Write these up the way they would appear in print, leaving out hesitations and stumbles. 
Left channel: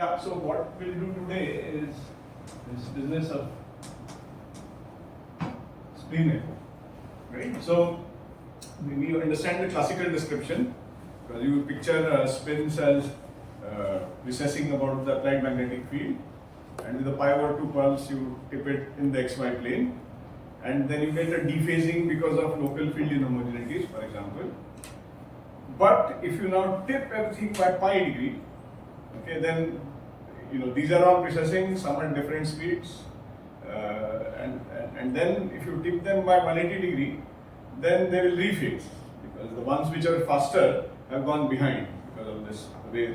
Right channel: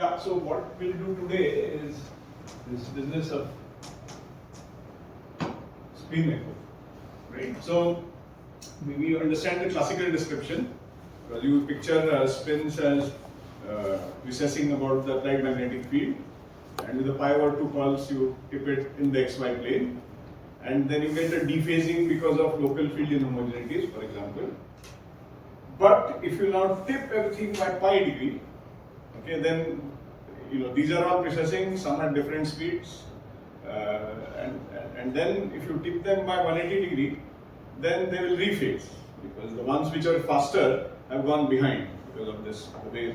Yeah, so what we'll do today is this business of spin echo, right? So we understand the classical description, because you picture spins as recessing about the applied magnetic field, and with a pi/2 pulse you tip it in the xy plane, and then you get a dephasing because of local field inhomogeneities, for example. But if you now tip everything by pi degree, okay, then these are all precessing, some at different speeds, and then if you tip them by 180 degree, then they will rephase, because the ones which are faster have gone behind because of this, the way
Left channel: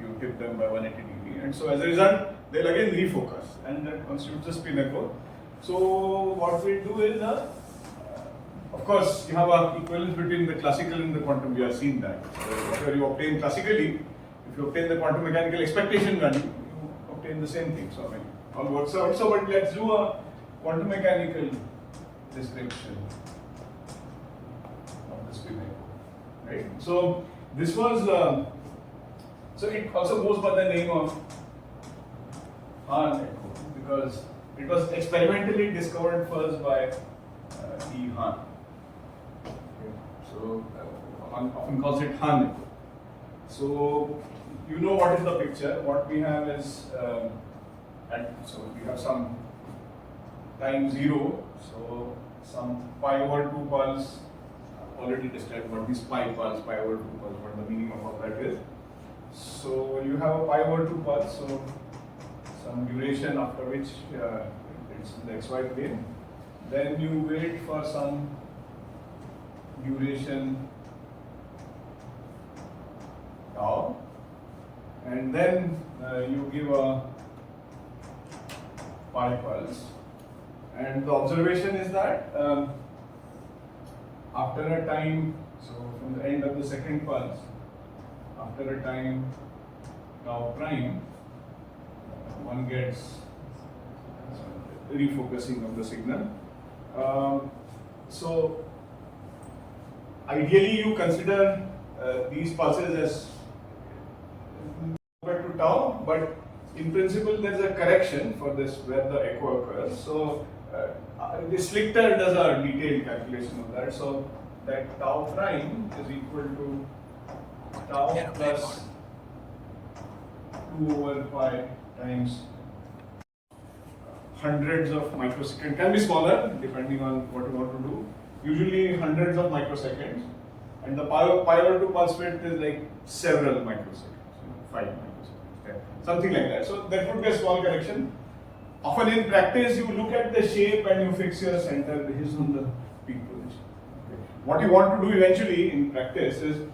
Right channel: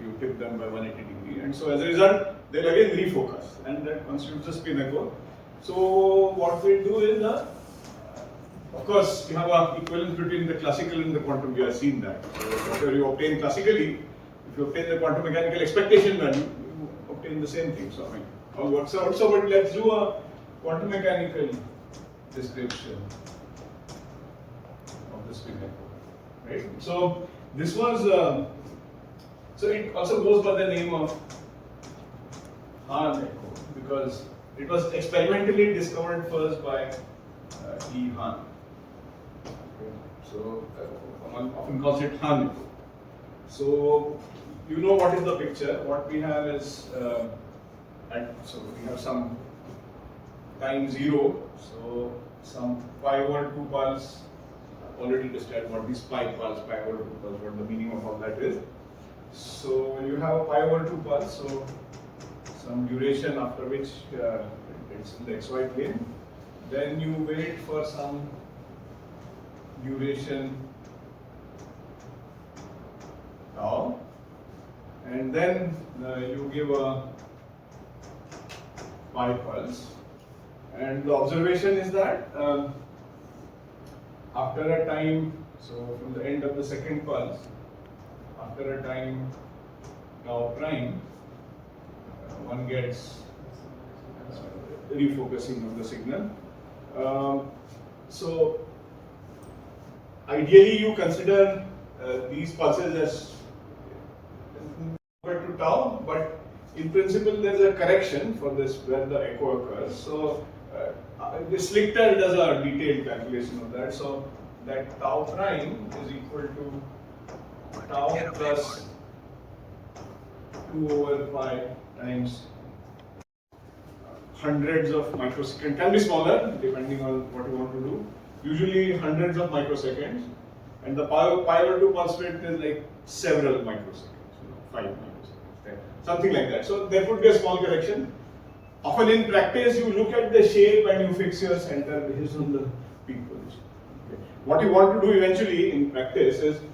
you tip them by 180 degree, and so as a result they'll again refocus, and that constitutes a spin echo. So what we'll do is, of course, you have an equivalence between the classical and the quantum. We have seen that. So whatever you obtain classically, if you obtain the quantum mechanical expectation value, you obtain the same thing. So all works out. So, but let's do a quantum mechanical description of the spin echo, right? So this was, so it also goes by the name of Hahn echo, because it was experimentally discovered first by E. Hahn. Okay. So one often calls it Hahn echo. So you know what is the picture. What we have is, so we have some time 0, so some pi/2 pulse. Already described what this pi pulse, pi/2 pulse, what the meaning of all that is. So you have a pi/2 pulse, so some duration after which it's in the xy plane. Then you wait for some duration tau, and then you give a pi pulse. And the observation is that after a time, so from the end of the second pulse, after a time tau prime, one gets refocusing of the signal. So ideally you consider these pulses as compared to tau, but in principle there is a correction for this where the echo occurs. So this Slichter does a detailed calculation of that. So that tau prime is equal to tau plus 2/pi times hundreds of microseconds. Can be smaller depending on what you want to do. Usually hundreds of microseconds, and the pi/2 pulse width is like several microseconds, 5 microseconds, something like that. So there could be a small correction. Often in practice, you look at the shape and you fix your center based on the peak position. Okay. What you want to do eventually in practice is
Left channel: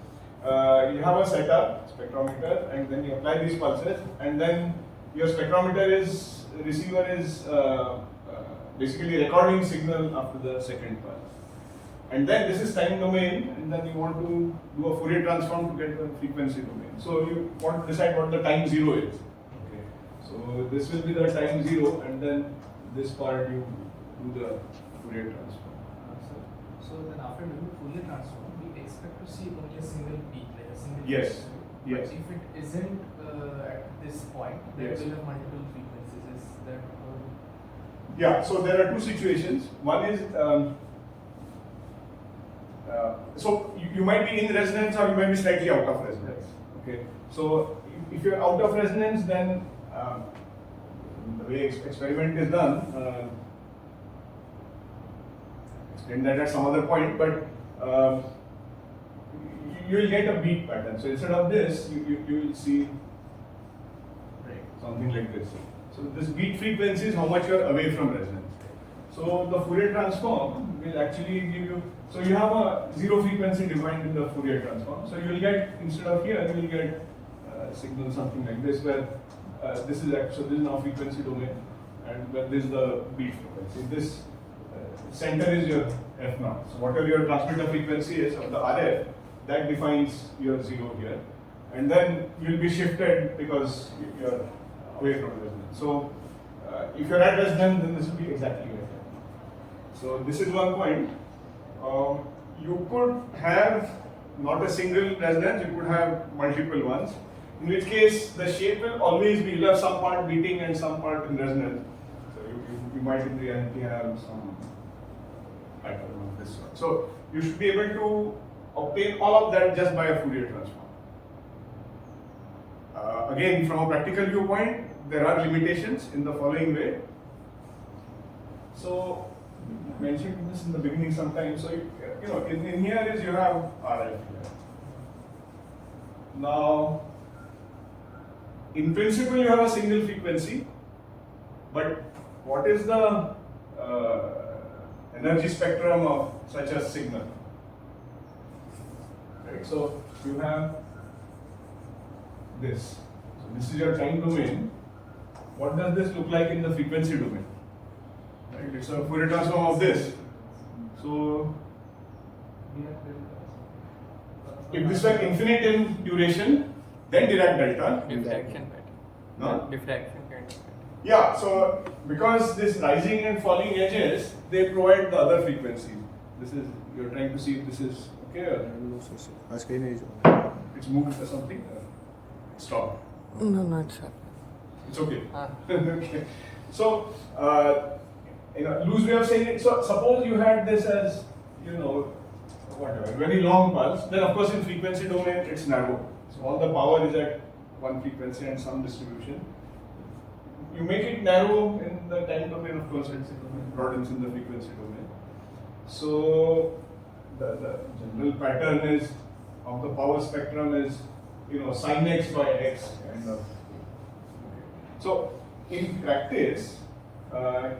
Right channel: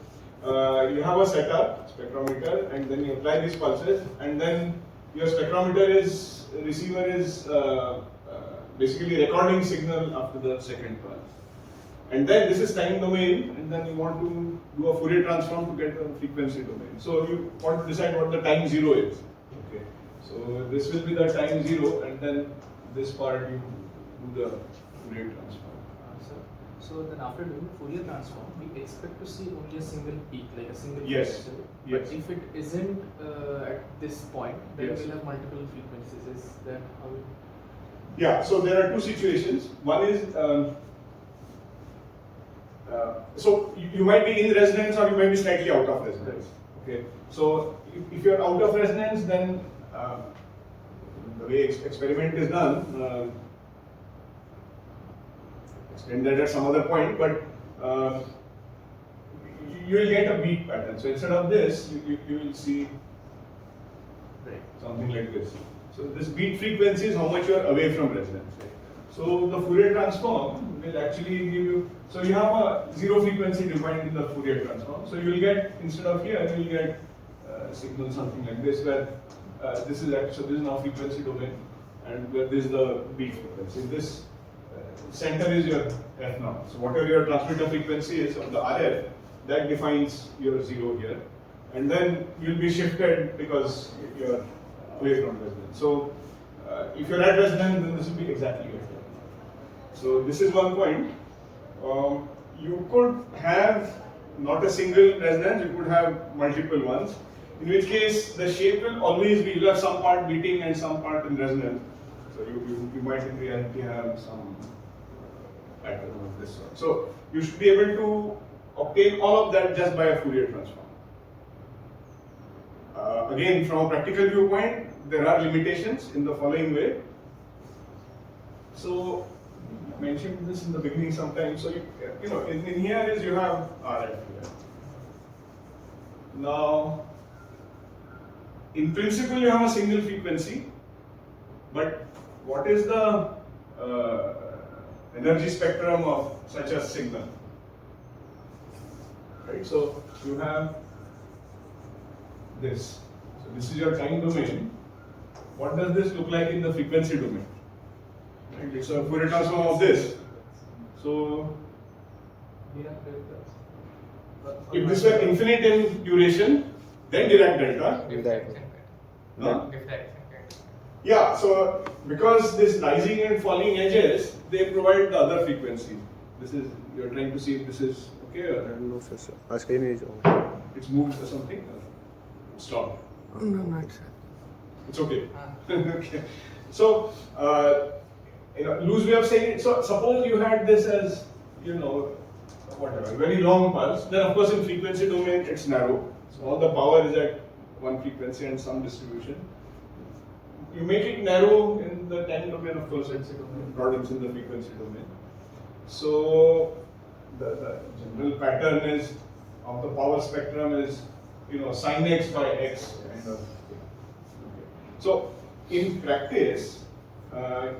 you have a setup, spectrometer, and then you apply these pulses, and then your receiver is basically recording signal after the second pulse. And then this is time domain, and then you want to do a Fourier transform to get a frequency domain. So you want to decide what the time 0 is. Okay. So this will be the time 0, and then this part you do the Fourier transform. So then after doing Fourier transform, we expect to see only a single peak, like a single Yes. frequency. Yes. If it isn't at this point, then Yes. we'll have multiple frequencies. Is that how? Yeah, so there are two situations. One is, so you might be in resonance or you might be slightly out of resonance. Okay, so if you're out of resonance, then the way experiment is done, explain that at some other point, but you will get a beat pattern. So instead of this, you will see something like this. So this beat frequency is how much you are away from resonance. So the Fourier transform will actually give you, so you have a 0 frequency defined in the Fourier transform. So you will get, instead of here, you will get signal something like this, where this is actually, so this is now frequency domain, and where this is the beat frequency. This center is your F0. So whatever your transmitter frequency is of the RF, that defines your 0 here. And then you'll be shifted because you're away from resonance. So if you're at resonance, then this will be exactly like that. So this is one point. You could have not a single resonance, you could have multiple ones. in which case the shape will always be, you have some part beating and some part in resonance. So you might in reality have some pattern of this sort. So you should be able to obtain all of that just by a Fourier transform. Again, from a practical viewpoint, there are limitations in the following way. So I mentioned this in the beginning sometime. So you know, in here is you have RF here. Now, in principle, you have a single frequency, but what is the energy spectrum of such a signal? Right. So you have this. So this is your time domain. What does this look like in the frequency domain? Right. It's a Fourier transform of this. So if this were infinite in duration, then Dirac delta. Huh? Yeah, so because this rising and falling edges, they provide the other frequencies. This is, you're trying to see if this is okay or No, sir. Our screen is on. it's moved or something? Or it's stopped? No, not sir. It's okay. Okay. So, loose way of saying it. So, suppose you had this as, whatever, very long pulse. Then, of course, in frequency domain, it's narrow. So, all the power is at one frequency and some distribution. You make it narrow in the time domain, of course, it's broadens in the frequency domain. So, the general pattern is of the power spectrum is, sin x by x kind of thing. Okay. So, in practice,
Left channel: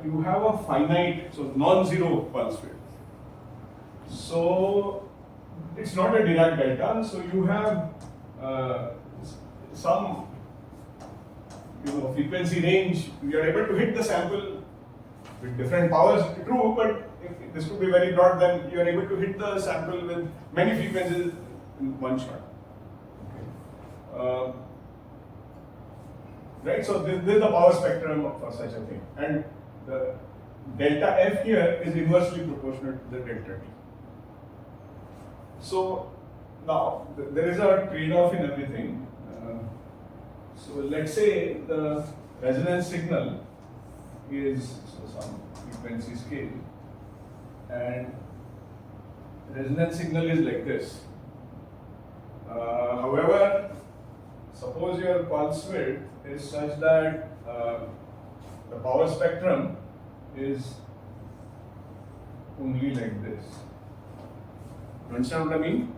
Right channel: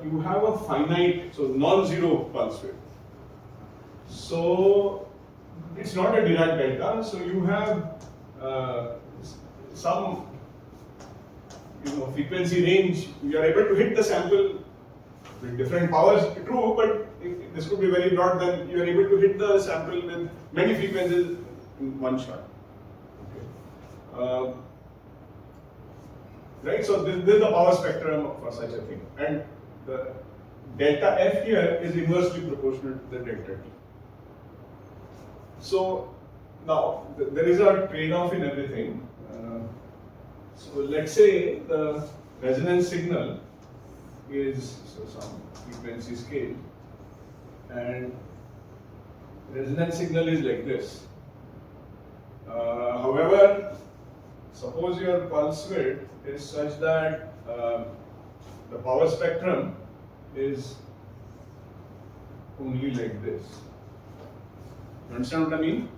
you have a finite, so non-zero pulse width. So, it's not a Dirac delta, so you have some frequency range. You are able to hit the sample with different powers, true, but if this could be very broad, then you are able to hit the sample with many frequencies in one shot. Okay. Right, so this is the power spectrum for such a thing, and the delta F here is inversely proportional to the delta T. So now there is a trade-off in everything. So let's say the resonance signal is some frequency scale, and resonance signal is like this. However, suppose your pulse width is such that the power spectrum is only like this. You understand what I mean?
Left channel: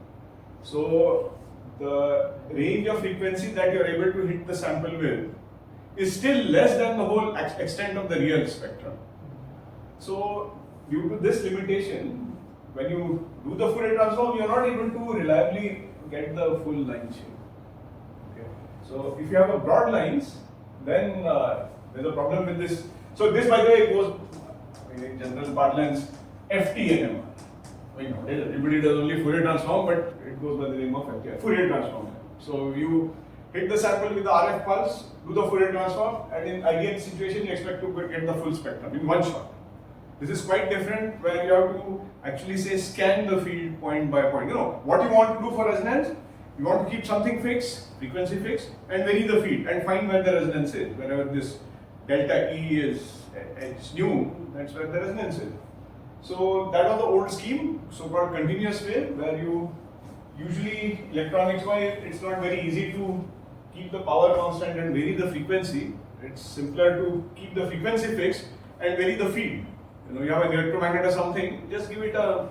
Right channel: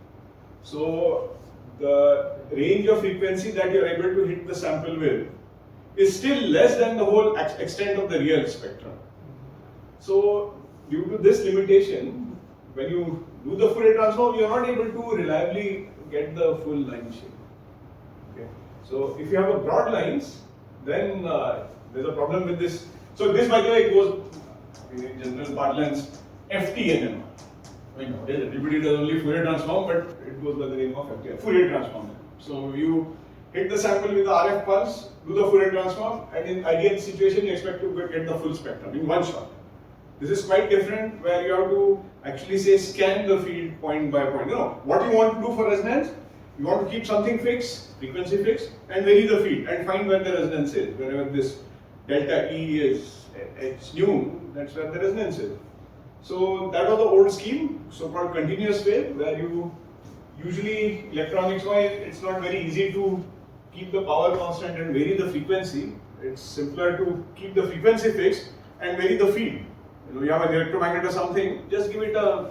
So the range of frequency that you are able to hit the sample with is still less than the whole extent of the real spectrum. So due to this limitation, when you do the Fourier transform, you are not able to reliably get the full line shape. Okay. So if you have a broad lines, then there's a problem with this. So this, by the way, goes in general parlance FT NMR. I mean, everybody does only Fourier transform, but it goes by the name of FT, Fourier transform. So you hit the sample with the RF pulse, do the Fourier transform, and in ideal situation, you expect to get the full spectrum in one shot. This is quite different, where you have to actually say scan the field point by point. What you want to do for resonance, you want to keep something fixed, frequency fixed, and vary the field and find where the resonance is. Wherever this delta E is H nu, that's where the resonance is. So that was the old scheme, so-called continuous wave, where you usually electronics-wise, it's not very easy to keep the power constant and vary the frequency. It's simpler to keep the frequency fixed and vary the field. You have an electromagnet or something, just give it a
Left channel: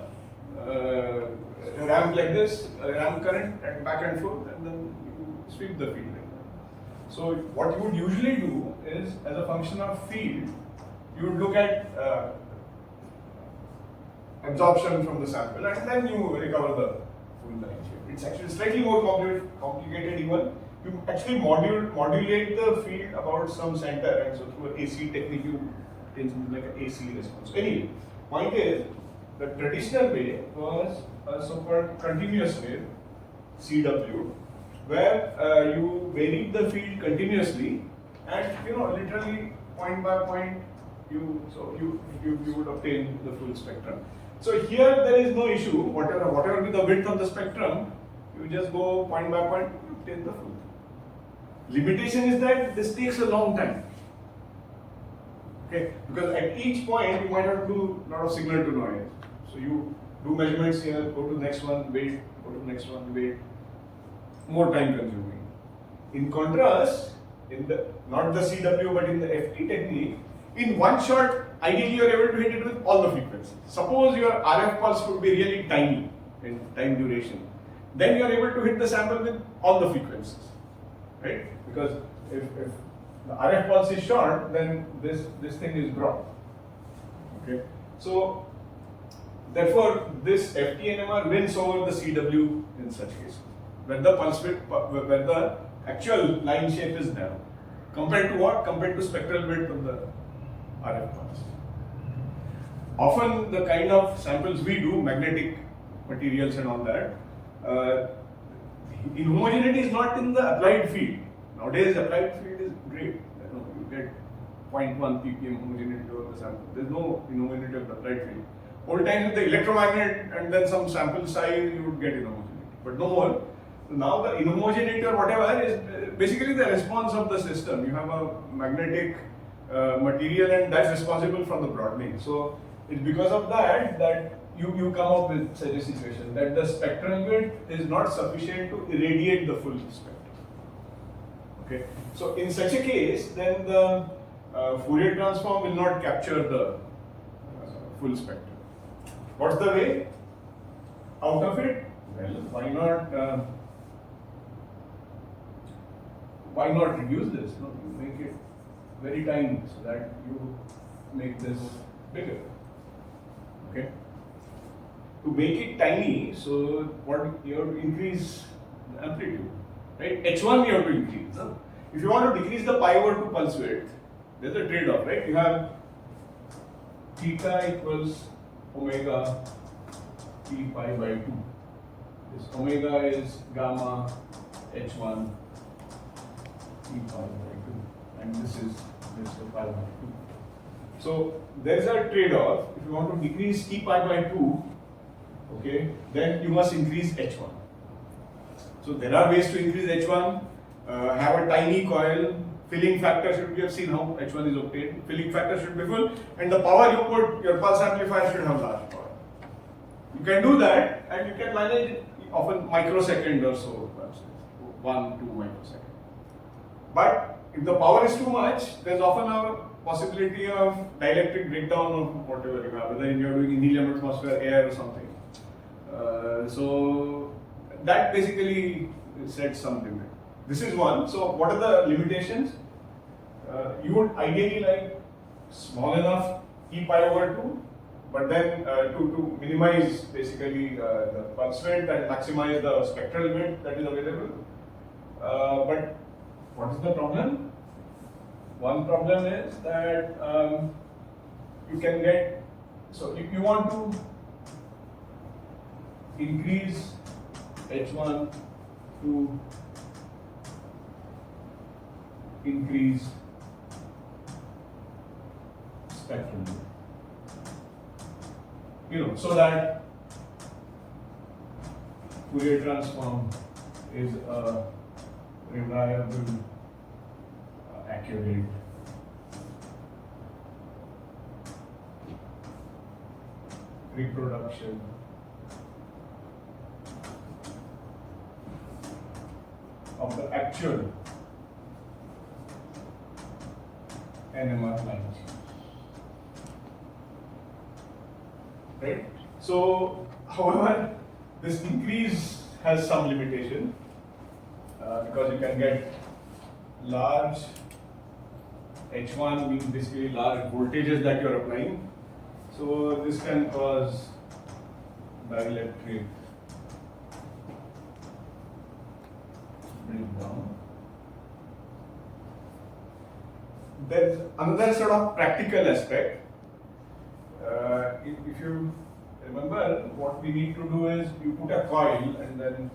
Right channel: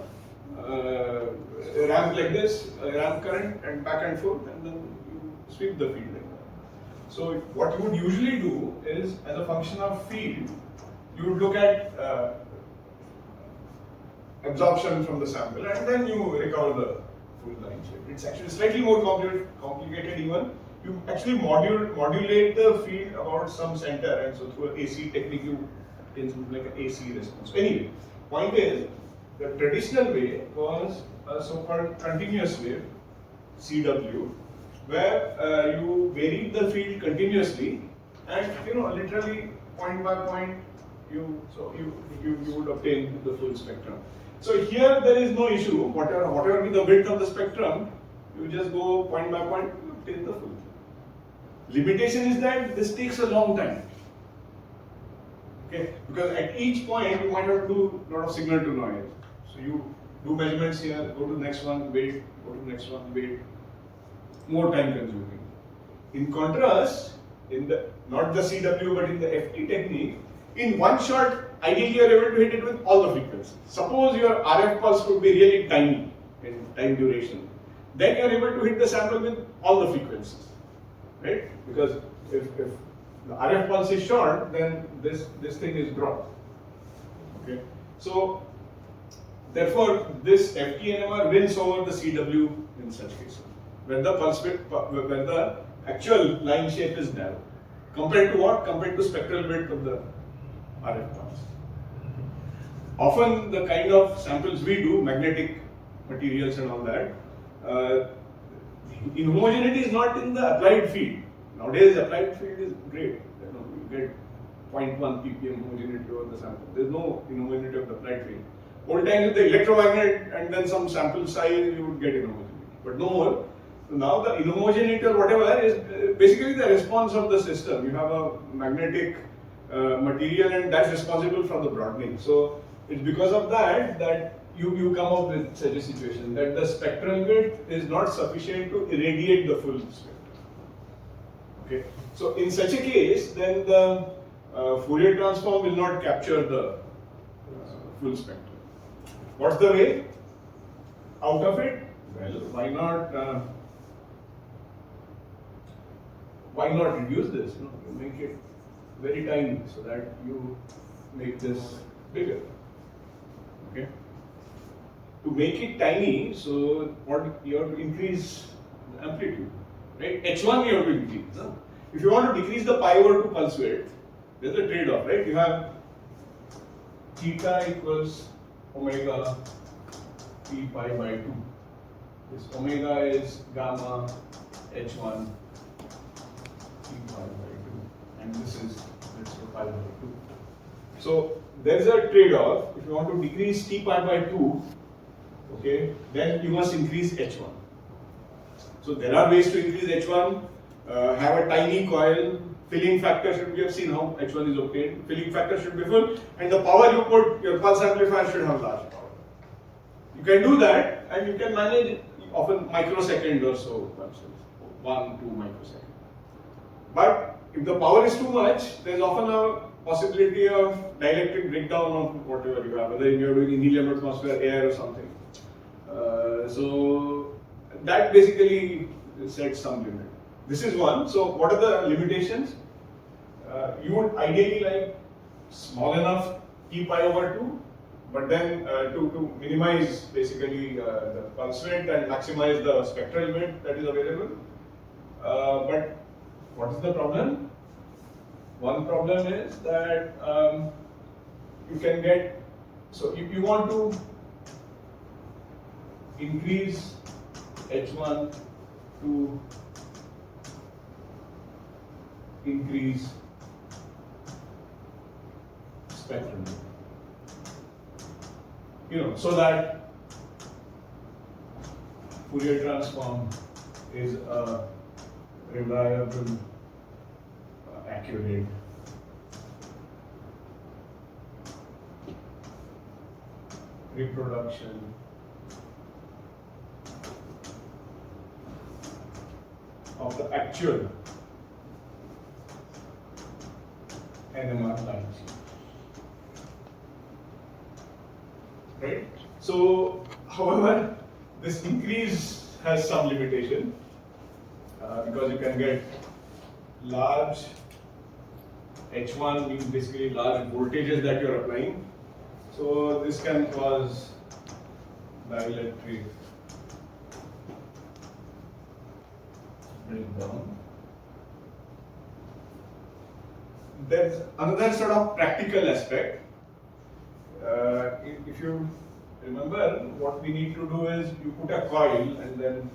ramp like this, a ramp current, and back and forth, and then you sweep the field like that. So what you would usually do is, as a function of field, you would look at absorption from the sample, and then you recover the full line shape. It's actually slightly more complicated even. You actually modulate the field about some center, and so through an AC technique you obtain something like an AC response. So anyway, point is, the traditional way was a so-called continuous wave, CW, where you varied the field continuously, and literally point by point, you would obtain the full spectrum. So here there is no issue. Whatever be the width of the spectrum, you just go point by point, you obtain the full. Limitation is that this takes a long time. Okay, because at each point you might have to do a lot of signal to noise. So you do measurements here, go to the next one, wait, go to the next one, wait. More time consuming. In contrast, in the not the CW but in the FT technique, in one shot, ideally you are able to hit it with all the frequencies. Suppose your RF pulse could be really tiny in time duration, then you are able to hit the sample with all the frequencies, right? Because if the RF pulse is short, then this thing is broad. Okay, so therefore this FT NMR wins over the CW in such cases, where the pulse width, where the actual line shape is narrow, compared to what? Compared to spectral width of the RF pulse. Often the kind of samples we do, magnetic materials and all that, inhomogeneity is not in the applied field. Nowadays applied field is great. You get 0.1 ppm homogeneity over the sample. There is no inhomogeneity of the applied field. Old times with the electromagnet and then some sample size, you would get inhomogeneity, but no more. So now the inhomogeneity or whatever is basically the response of the system. You have a magnetic material and that's responsible for the broadening. So it's because of that you come up with such a situation that the spectral width is not sufficient to irradiate the full spectrum. Okay, so in such a case, then the Fourier transform will not capture the full spectrum. What's the way out of it? Well, why not reduce this? No, you make it very tiny so that you make this bigger. Okay. To make it tiny, so what you have to increase the amplitude, right? H1 you have to increase. No? If you want to decrease the pi over 2 pulse width, there's a trade-off, right? You have theta equals omega p pi by 2. This omega is gamma h1 p pi by 2, and this is, let's say, pi by 2. So there's a trade-off. If you want to decrease t pi by 2, okay, then you must increase h1. So there are ways to increase h1. Have a tiny coil. Filling factor should, we have seen how h1 is obtained. Filling factor should be full, and the power you put, your pulse amplifier should have large power. You can do that, and you can manage it often microsecond or so, 1-2 microsecond. But if the power is too much, there's often a possibility of dielectric breakdown of whatever you have, whether you're doing in helium atmosphere, air or something. So that basically sets some limit. This is one. So what are the limitations? You would ideally like small enough t pi over 2, but then to minimize basically the pulse width and maximize the spectral width that is available. But what is the problem? One problem is that you can get, so if you want to increase H1 to increase spectrum, so that Fourier transform is a reliable, accurate, reproduction of the actual NMR lines. Right? So, however, this increase has some limitation because you can get large H1 means basically large voltages that you are applying. So this can cause dielectric breakdown. There's another sort of practical aspect. If you remember, what we need to do is you put a coil and then,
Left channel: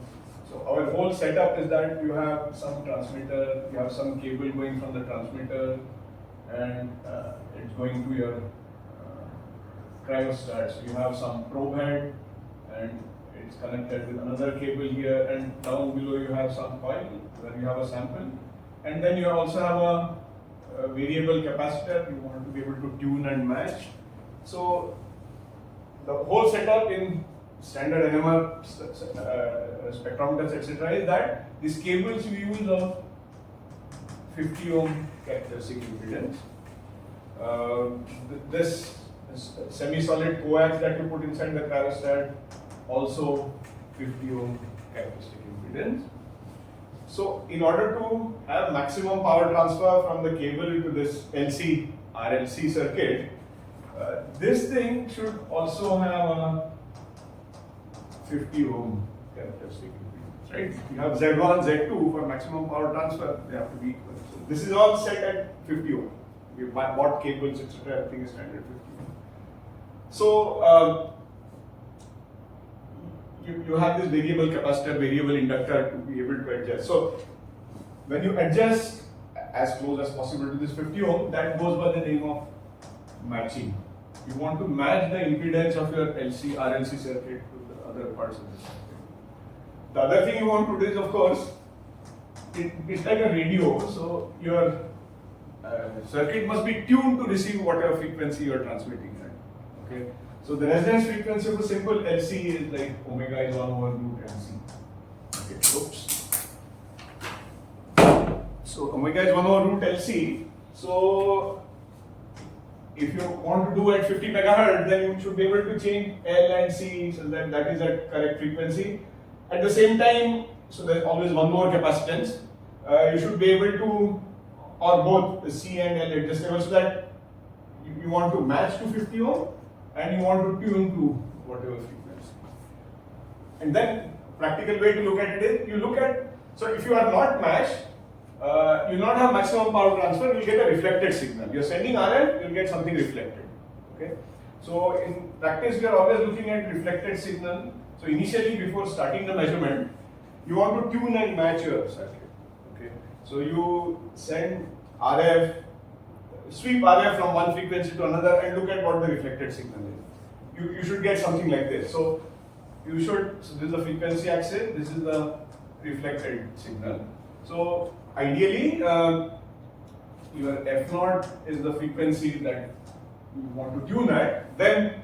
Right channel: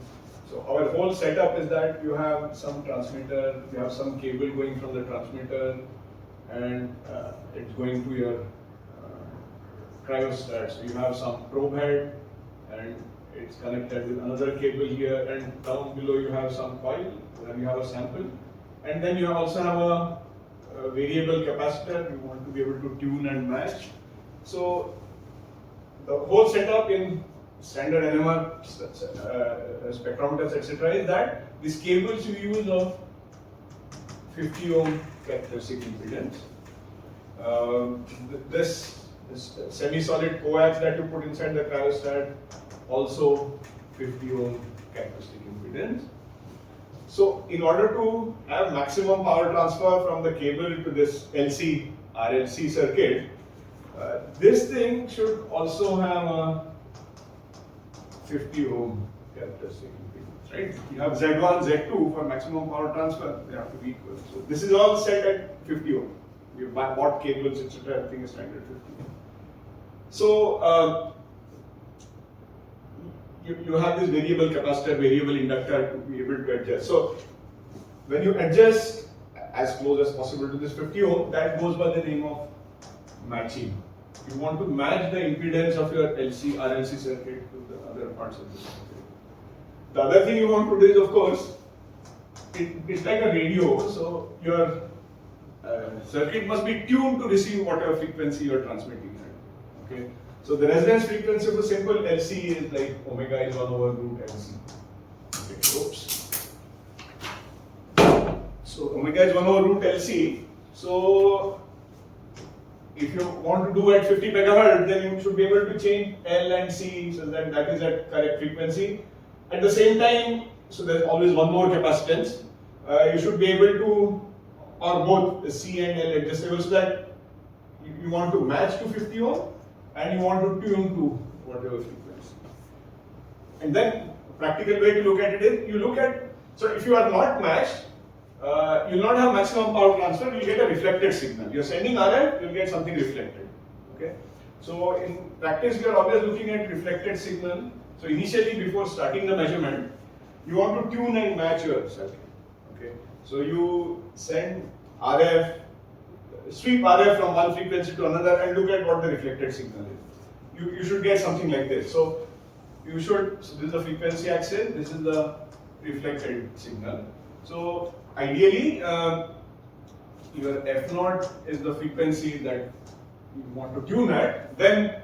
so our whole setup is that you have some transmitter, you have some cable going from the transmitter and it's going to your cryostat. So you have some probe head and it's connected with another cable here, and down below you have some coil where you have a sample, and then you also have a variable capacitor. You want to be able to tune and match. So the whole setup in standard NMR spectrometers, etc., is that these cables you use of 50 ohm characteristic impedance. This semi-solid coax that you put inside the cryostat, also 50 ohm characteristic impedance. So in order to have maximum power transfer from the cable to this LC RLC circuit, this thing should also have a 50 ohm characteristic impedance, right? You have Z1, Z2 for maximum power transfer, they have to be equal. So this is all set at 50 ohm. We bought cables, etc. Everything is standard 50 ohm. So you have this variable capacitor, variable inductor to be able to adjust. So when you adjust as close as possible to this 50 ohm, that goes by the name of matching. You want to match the impedance of your LC RLC circuit to the other parts of the circuit. The other thing you want to do is, of course, it's like a radio, so your circuit must be tuned to receive whatever frequency you are transmitting at. Okay, so the resonance frequency of a simple LC is like omega is 1 over root LC. Okay, oops. So omega is 1 over root LC. So if you want to do at 50 megahertz, then you should be able to change L and C so that that is at correct frequency. At the same time, so there's always one more capacitance. You should be able to, or both C and L adjustable, so that you want to match to 50 ohm and you want to tune to whatever frequency. And then practical way to look at it is, you look at, so if you are not matched, you will not have maximum power transfer, you will get a reflected signal. You are sending RF, you will get something reflected. Okay. So in practice, we are always looking at reflected signal. So initially, before starting the measurement, you want to tune and match your circuit. Okay. So you send RF, sweep RF from one frequency to another, and look at what the reflected signal is. You should get something like this. So you should. So this is the frequency axis. This is the reflected signal. So ideally, your F0 is the frequency that you want to tune at. Then,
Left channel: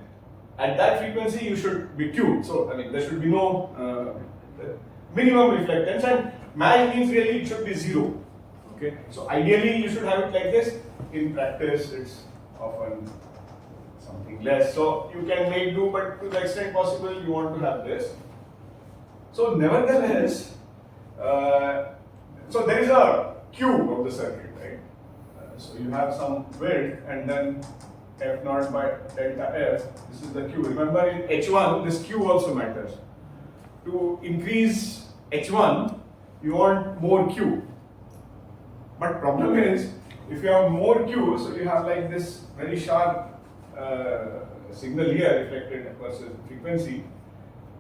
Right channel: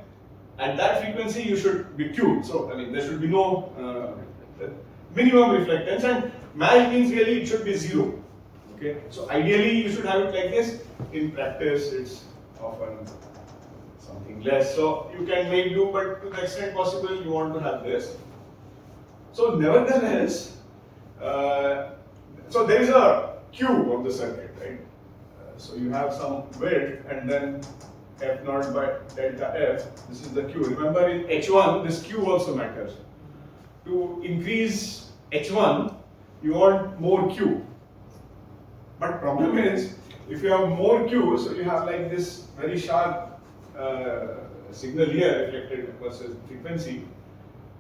at that frequency, you should be tuned. So, I mean, there should be no minimum reflectance, and match means really it should be 0. Okay. So, ideally, you should have it like this. In practice, it's often something less. So, you can make do, but to the extent possible, you want to have this. So, nevertheless, so there is a Q of the circuit, right? So you have some width and then F0 by delta F. This is the Q. Remember in H1, this Q also matters. To increase H1, you want more Q. But problem is, if you have more Q, so you have like this very sharp signal here reflected versus frequency.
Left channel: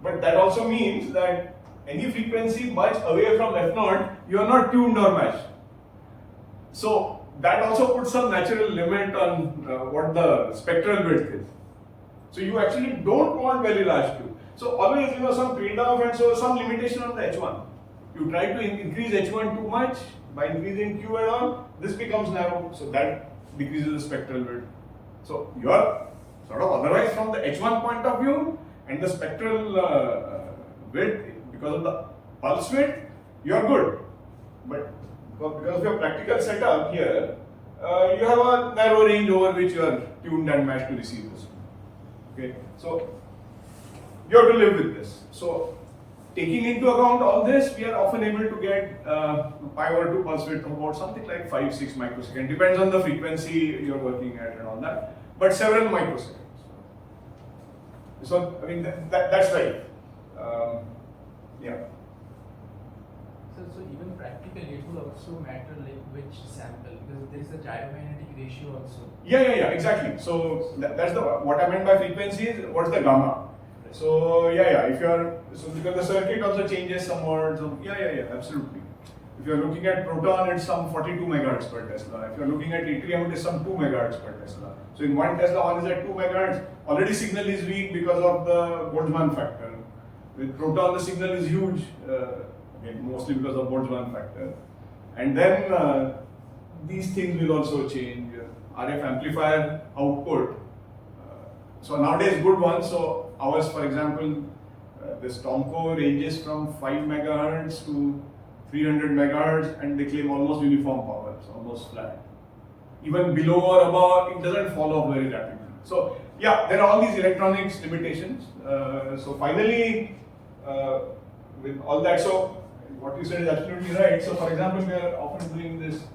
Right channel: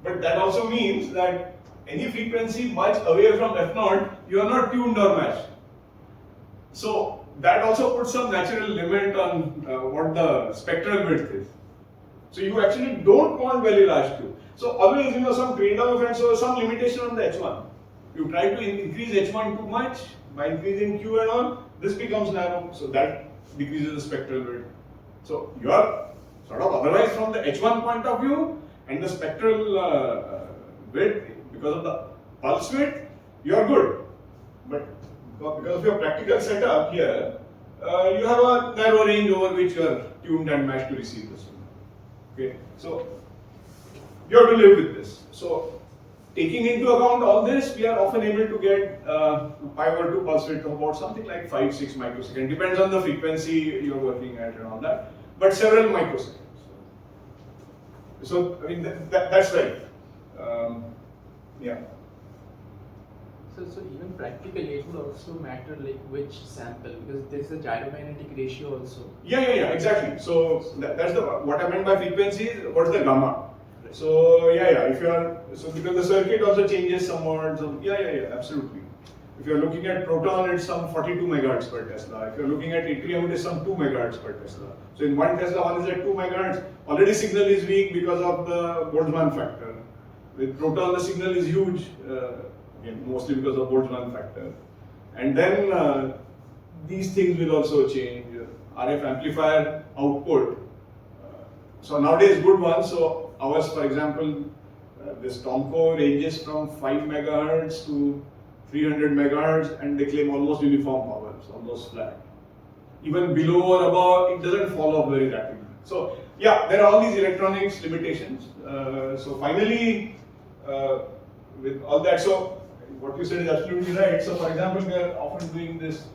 But that also means that any frequency much away from F0, you are not tuned or matched. So that also puts some natural limit on what the spectral width is. So you actually don't want very large Q. So always, some trade-off and so some limitation on the H1. You try to increase H1 too much by increasing Q and all, this becomes narrow, so that decreases the spectral width. So you are sort of otherwise from the H1 point of view and the spectral width, because of the pulse width, you are good. But because of your practical setup here, you have a narrow range over which you are tuned and matched to receive this. Okay, so you have to live with this. So taking into account all this, we are often able to get pi over 2 pulse width of about something like 5-6 microseconds. Depends on the frequency you are working at and all that, but several microseconds. So I mean that's right. Yeah. So even practically, it would also matter like which sample, because there's a gyromagnetic ratio also. Yeah, exactly. So that's the what I meant by frequency is what's the gamma. So if you are because the circuit also changes somewhat. So absolutely. If you are looking at proton, it's some 42 megahertz per Tesla. If you are looking at yttrium, it is some 2 megahertz per Tesla. So in 1 Tesla, one is at 2 megahertz. Already signal is weak because of the Boltzmann factor. With proton, the signal is huge. Again, mostly because of Boltzmann factor. And then these things will also change. RF amplifier output. So nowadays good ones. So ours, for example, this Tomco ranges from 5 megahertz to 300 megahertz, and they claim almost uniform power, so almost flat. Even below or above, it doesn't fall off very rapidly. So yeah, there are all these electronics limitations. So finally, with all that, so what you said is absolutely right. So for example, we are often doing this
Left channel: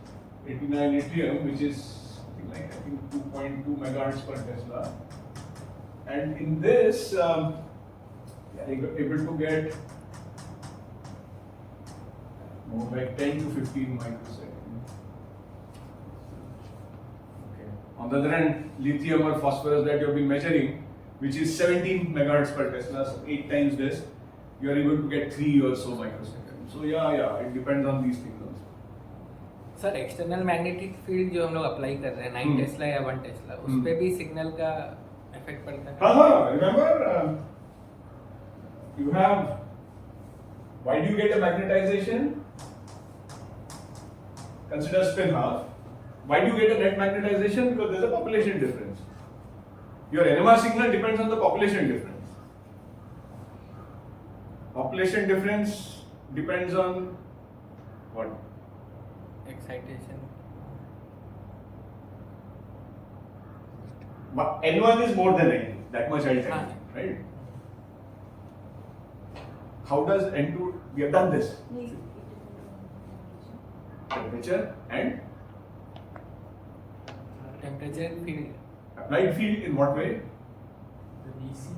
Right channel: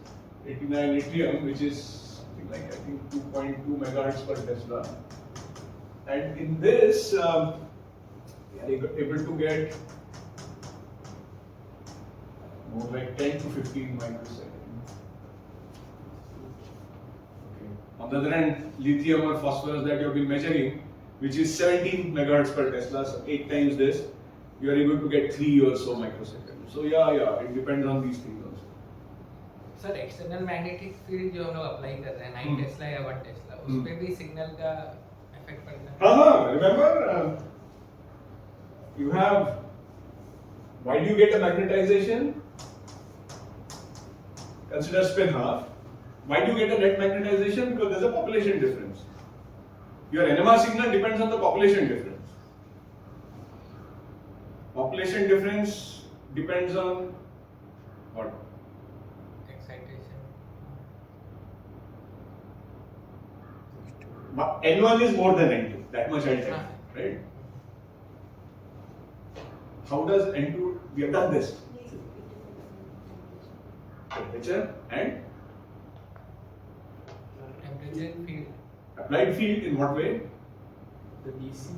89 atrium, which is something like I think 2.2 megahertz per Tesla. And in this, we are able to get more like 10 to 15 microseconds. Okay. On the other hand, lithium or phosphorus that you have been measuring, which is 17 megahertz per Tesla, so 8 times this, you are able to get 3 or so microseconds. So yeah, it depends on these things also. Sir external magnetic field जो हम लोग apply कर रहे हैं 9 Tesla या 1 Tesla उस पे भी सिग्नल का इफेक्ट पड़ता है. हाँ, remember you have, why do you get a magnetization? Consider spin half. Why do you get a net magnetization? Because there's a population difference. Your NMR signal depends on the population difference. Population difference depends on what? Excitation. N1 is more than N2. That much I'll tell you, right? How does N2? We have done this. Temperature and temperature field. applied field in what way? The DC.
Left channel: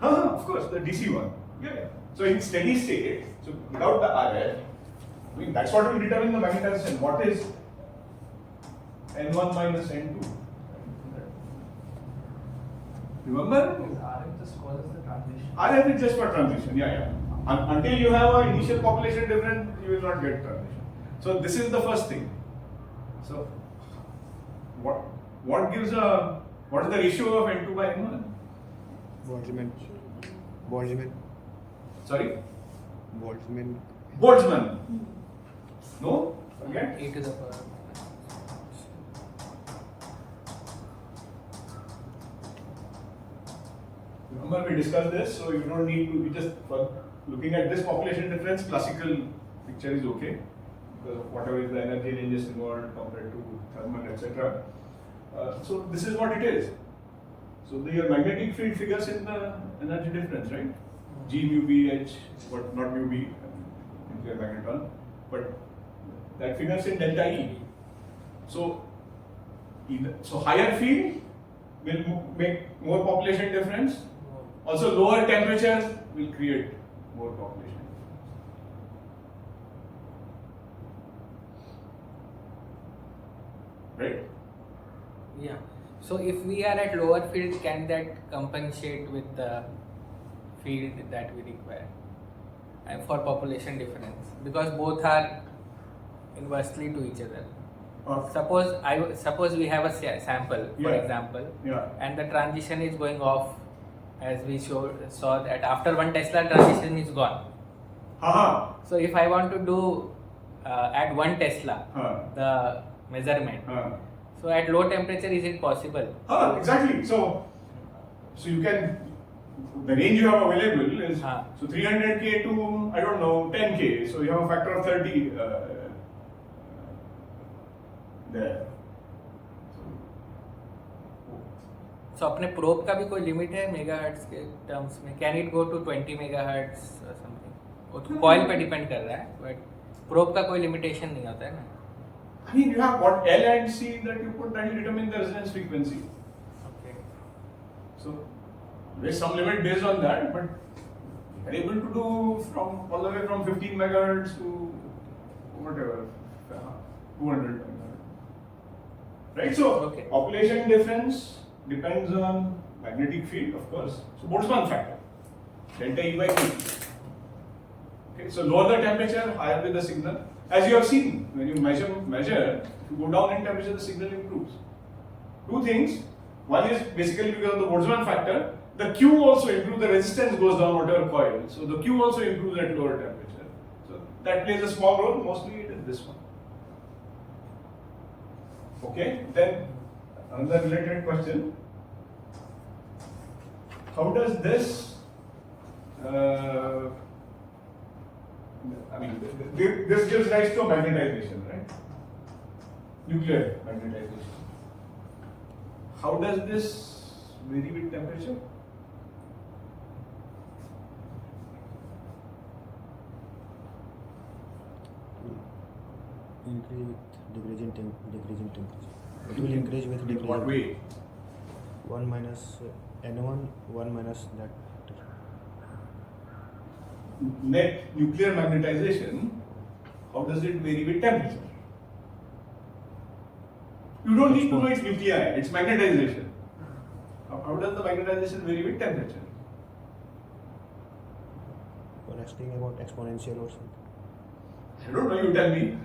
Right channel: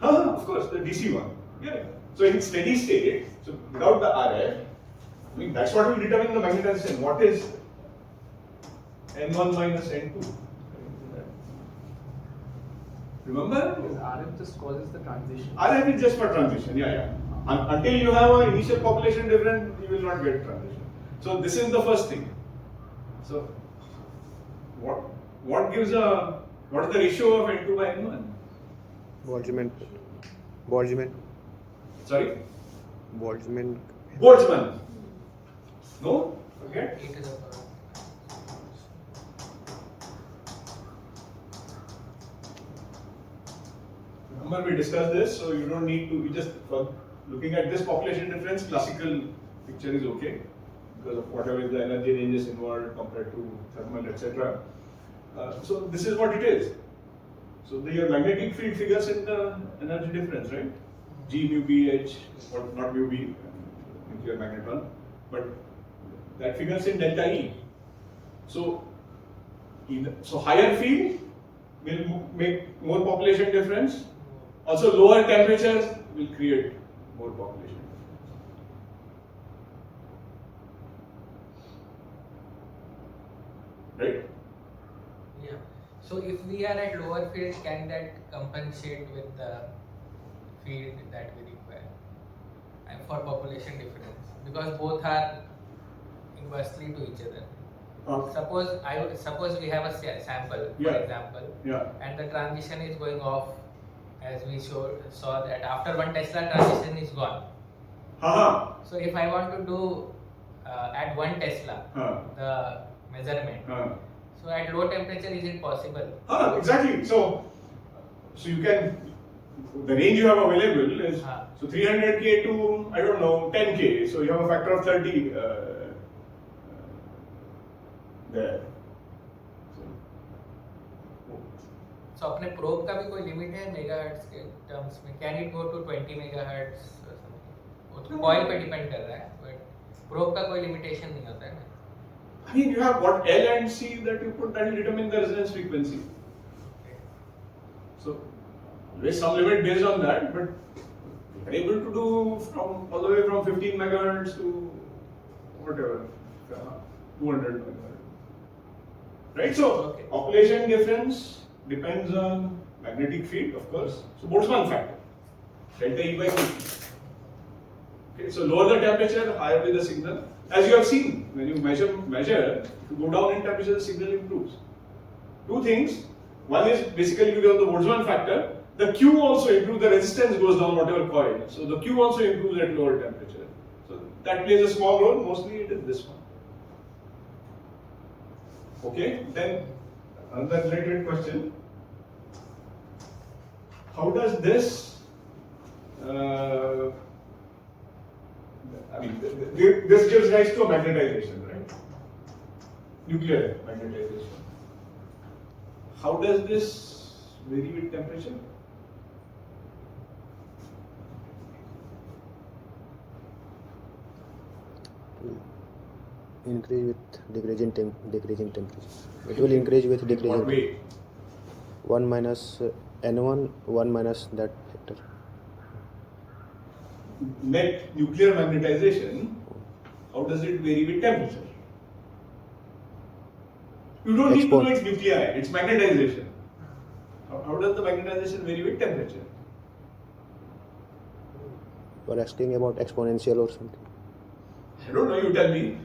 Of course, the DC one. Yeah. So in steady state, so without the RF, I mean that's what will determine the magnetization. What is N1 minus N2? Remember? Because RF just causes the transition. RF is just for transition. Yeah. Until you have an initial population difference, you will not get transition. So this is the first thing. So what gives what is the ratio of N2 by N1? Boltzmann. Sorry? Boltzmann. Boltzmann. No? Forget? e to the power. Remember we discussed this, so you don't need to, for looking at this population difference, classical picture is okay because of whatever is the energy ranges involved compared to thermal, etc. So this is what it is. So your magnetic field figures in the energy difference, right? G mu B H, not mu B, nuclear magneton, but that figures in delta E. So higher field will make more population difference. Also lower temperatures will create more population. Right? Yeah. So if we are at lower field, can that compensate with the field that we require and for population difference? Because both are inversely to each other. Suppose we have a sample, for example, and the transition is going off, as we saw that after 1 Tesla transition is gone. So if I want to do at 1 Tesla the measurement, so at low temperature is it possible? Exactly. So you can, the range you have available is so 300K to I don't know 10K. So you have a factor of 30 there. So अपने probe का भी कोई limit है megahertz के terms में? Can it go to 20 megahertz और something? वो तो कॉइल पे डिपेंड कर रहा है, बट प्रोब का कोई लिमिटेशन नहीं होता है ना. I mean, you have what L and C that you put that will determine the resonance frequency. Okay. So there is some limit based on that, but we are able to do from all the way from 15 megahertz to whatever 200 megahertz. Right? So population difference depends on magnetic field, of course. So Boltzmann factor, delta E by T. Okay, so lower the temperature, higher will the signal. As you have seen, when you measure, if you go down in temperature, the signal improves. Two things. One is basically because of the Boltzmann factor. The Q also improves, the resistance goes down, whatever coil. So the Q also improves at lower temperature. So that plays a small role. Mostly it is this one. Okay, then another related question. How does this, this gives rise to a magnetization, right? Nuclear magnetization. How does this vary with temperature? Increase with decreasing temperature. It will increase with In what decreasing. way? 1 minus N1, 1 minus that factor. Net nuclear magnetization, how does it vary with temperature? You don't need to know its nuclei, it's magnetization. How does the magnetization vary with temperature? You are asking about exponential or something. I don't know, you tell me.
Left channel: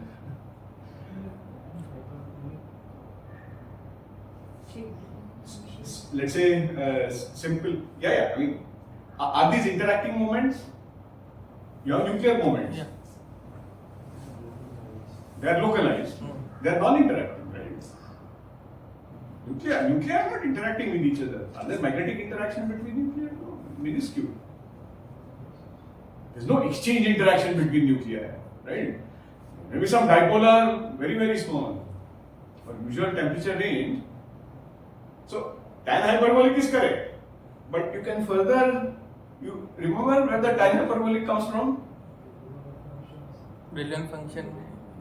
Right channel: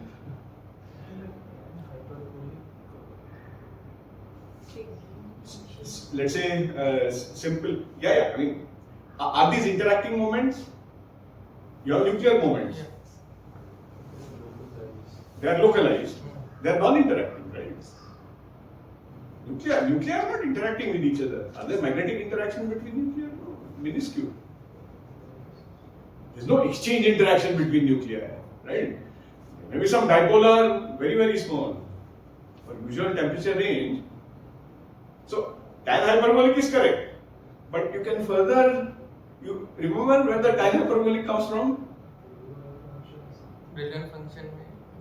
Let's say simple, I mean, are these interacting moments? Your nuclear moments. They are localized. They are non-interacting, right? Nuclei are not interacting with each other. Are there magnetic interaction between nuclei? No, minuscule. There's no exchange interaction between nuclei, right? Maybe some dipolar, very, very small. For usual temperature range. So, tan hyperbolic is correct. But you can further, you remember where the tan hyperbolic comes from? Brilliant function.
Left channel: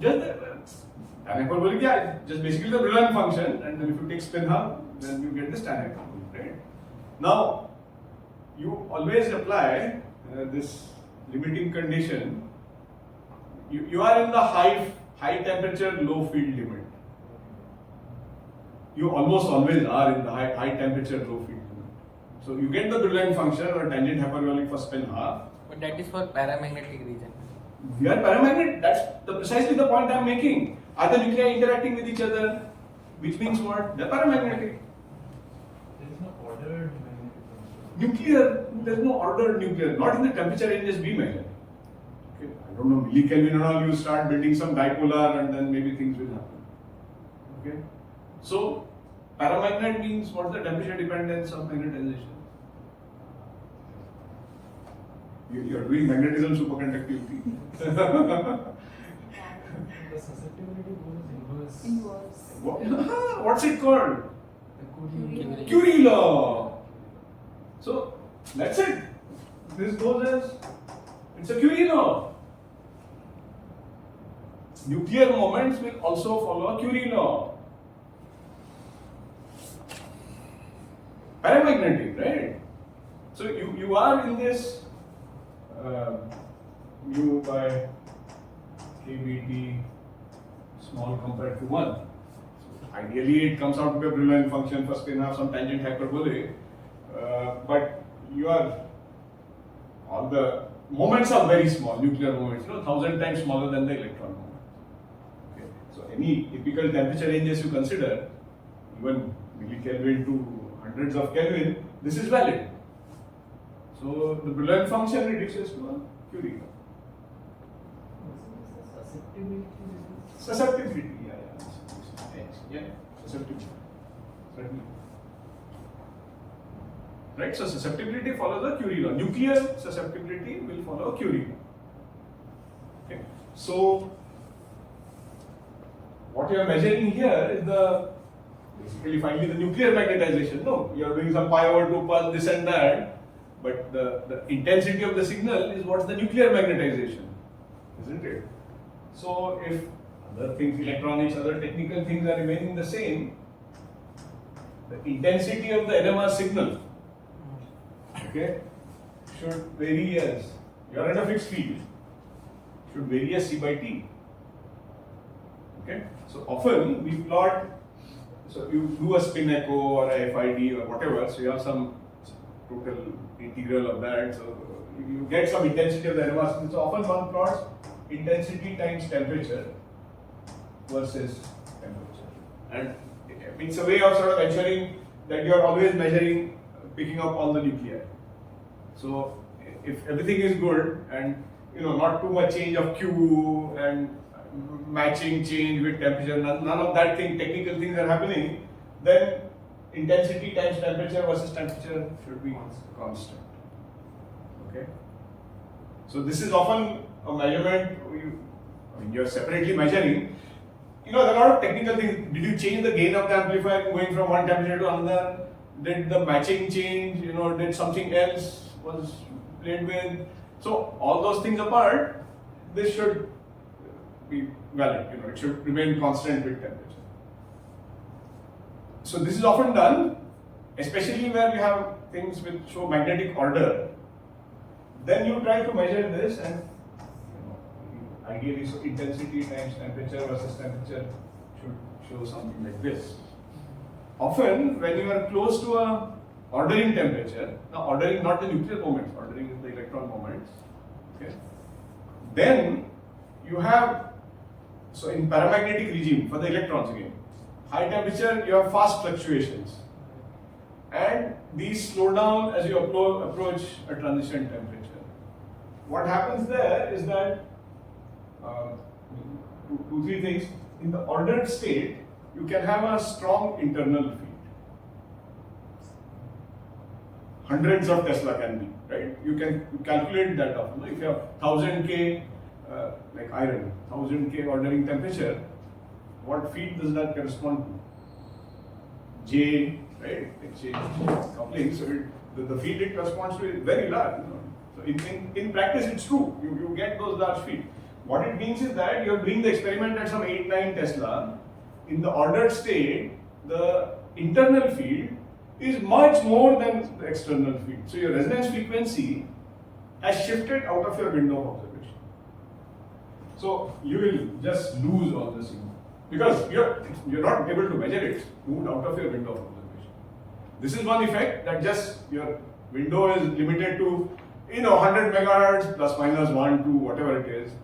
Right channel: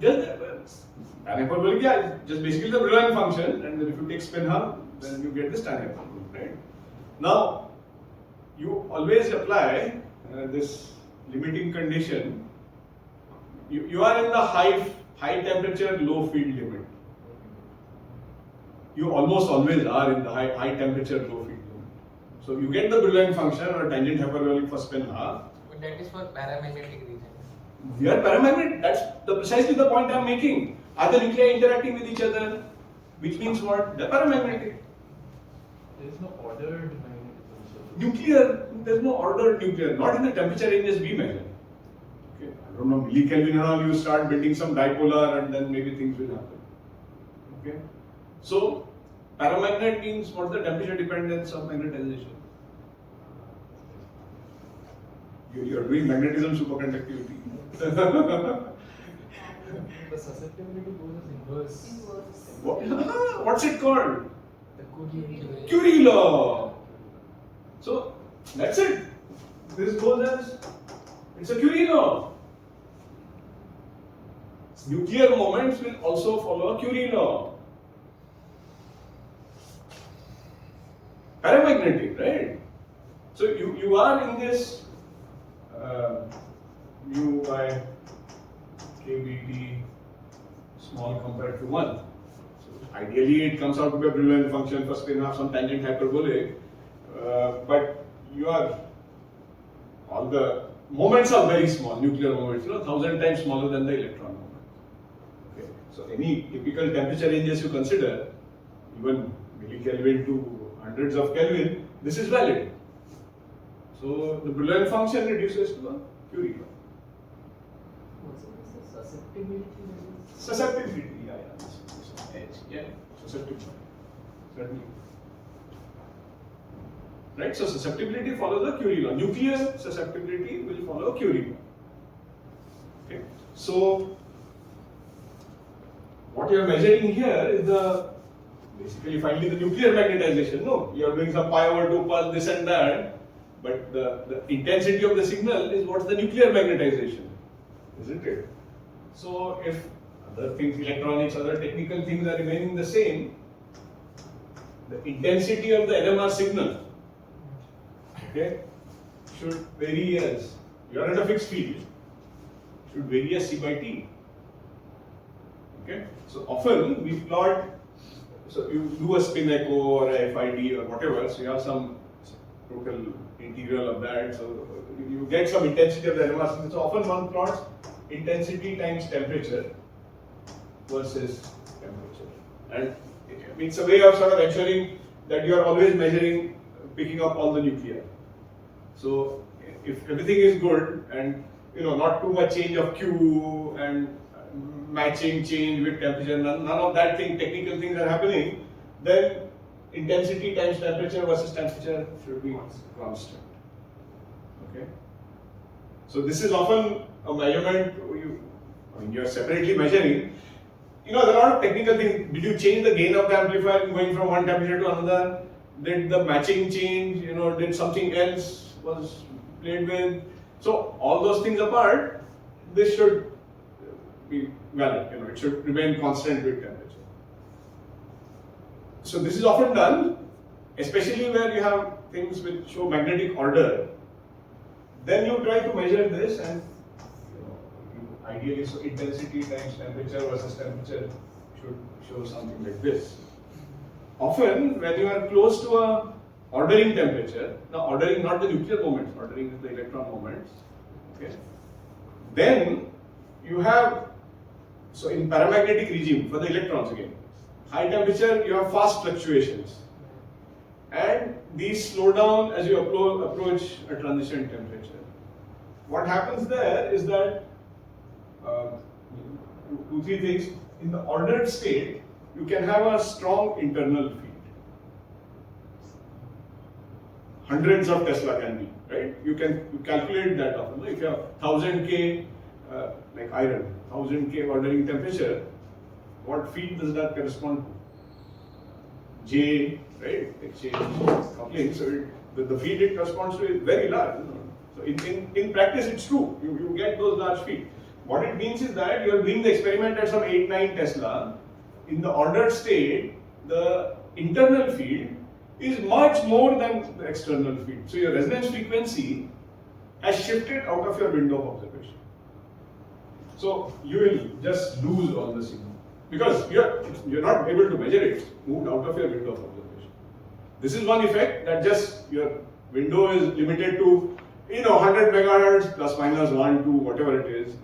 Just tan hyperbolic, just basically the Brillouin function, and then if you take spin half, then you get this tan hyperbolic, right? Now, you always apply this limiting condition. You are in the high temperature, low field limit. You almost always are in the high temperature, low field limit. So you get the Brillouin function or tangent hyperbolic for spin half. But that is for paramagnetic region. We are paramagnetic. That's precisely the point I am making. Are the nuclei interacting with each other? Which means what? They're paramagnetic. There is no ordered magnetism. Nuclear, there's no ordered nuclear, not in the temperature ranges we measure. Okay, I don't know, millikelvin and all, you start building some dipolar and then maybe things will happen. Okay, so paramagnet means what's the temperature dependence of magnetization? You're doing magnetism superconductivity. The susceptibility goes inverse. What's it called? The Curie law. So that's it. This goes as, it's a Curie law. Nuclear moments will also follow a Curie law. Paramagnetic, right? So you are in this mu by kBT small compared to 1. So ideally it comes out to be a Brillouin function for spin half, some tangent hyperbolic, but all the moments are very small, nuclear moments, 1,000 times smaller than the electron moment. Okay. So any typical temperature ranges you consider, even millikelvin to hundreds of Kelvin, this is valid. So the Brillouin function reduces to a Curie law. Susceptibility, susceptibility. Certainly. Right, so susceptibility follows a Curie law. Nuclear susceptibility will follow a Curie law. Okay, so what you are measuring here is basically finally the nuclear magnetization. No, you are doing some pi over 2 pulse, this and that, but the intensity of the signal is what's the nuclear magnetization, isn't it? So if other things, electronics, other technical things are remaining the same, the intensity of the NMR signal, okay, should vary as, you are at a fixed field, should vary as C by T. Okay, so often we plot, so you do a spin echo or a FID or whatever, so you have some total integral of that, so you get some intensity of the NMR signal. So often one plots intensity times temperature versus temperature, and it's a way of sort of ensuring that you are always picking up all the nuclei. So if everything is good and not too much change of Q and matching change with temperature, none of that technical things are happening, then intensity times temperature versus temperature should be constant. Okay. So this is often a measurement you're separately measuring. There are a lot of technical things. Did you change the gain of the amplifier going from one temperature to another? Did the matching change? Did something else was played with? So all those things apart, this should be valid. It should remain constant with temperature. So this is often done, especially where you have things which show magnetic order. Then you try to measure this, and ideally, so intensity times temperature versus temperature should show something like this. Often, when you are close to a ordering temperature, now ordering not the nuclear moments, ordering is the electron moments, okay? Then you have, so in paramagnetic regime for the electrons again, high temperature you have fast fluctuations, and these slow down as you approach a transition temperature. What happens there is that two, three things. In the ordered state, you can have a strong internal field. Hundreds of Tesla can be, right? You calculate that often. If you have 1000 K, like iron, 1000 K ordering temperature, what field does that correspond to? J, right? Exchange coupling. So the field it corresponds to is very large. So in practice, it's true. You get those large fields. What it means is that you're doing the experiment at some 8-9 Tesla. In the ordered state, the internal field is much more than the external field. So your resonance frequency has shifted out of your window of observation. So you will just lose all the signal because you're not able to measure it. It's moved out of your window of observation. This is one effect, that just your window is limited to 100 megahertz plus minus 1, 2, whatever it is.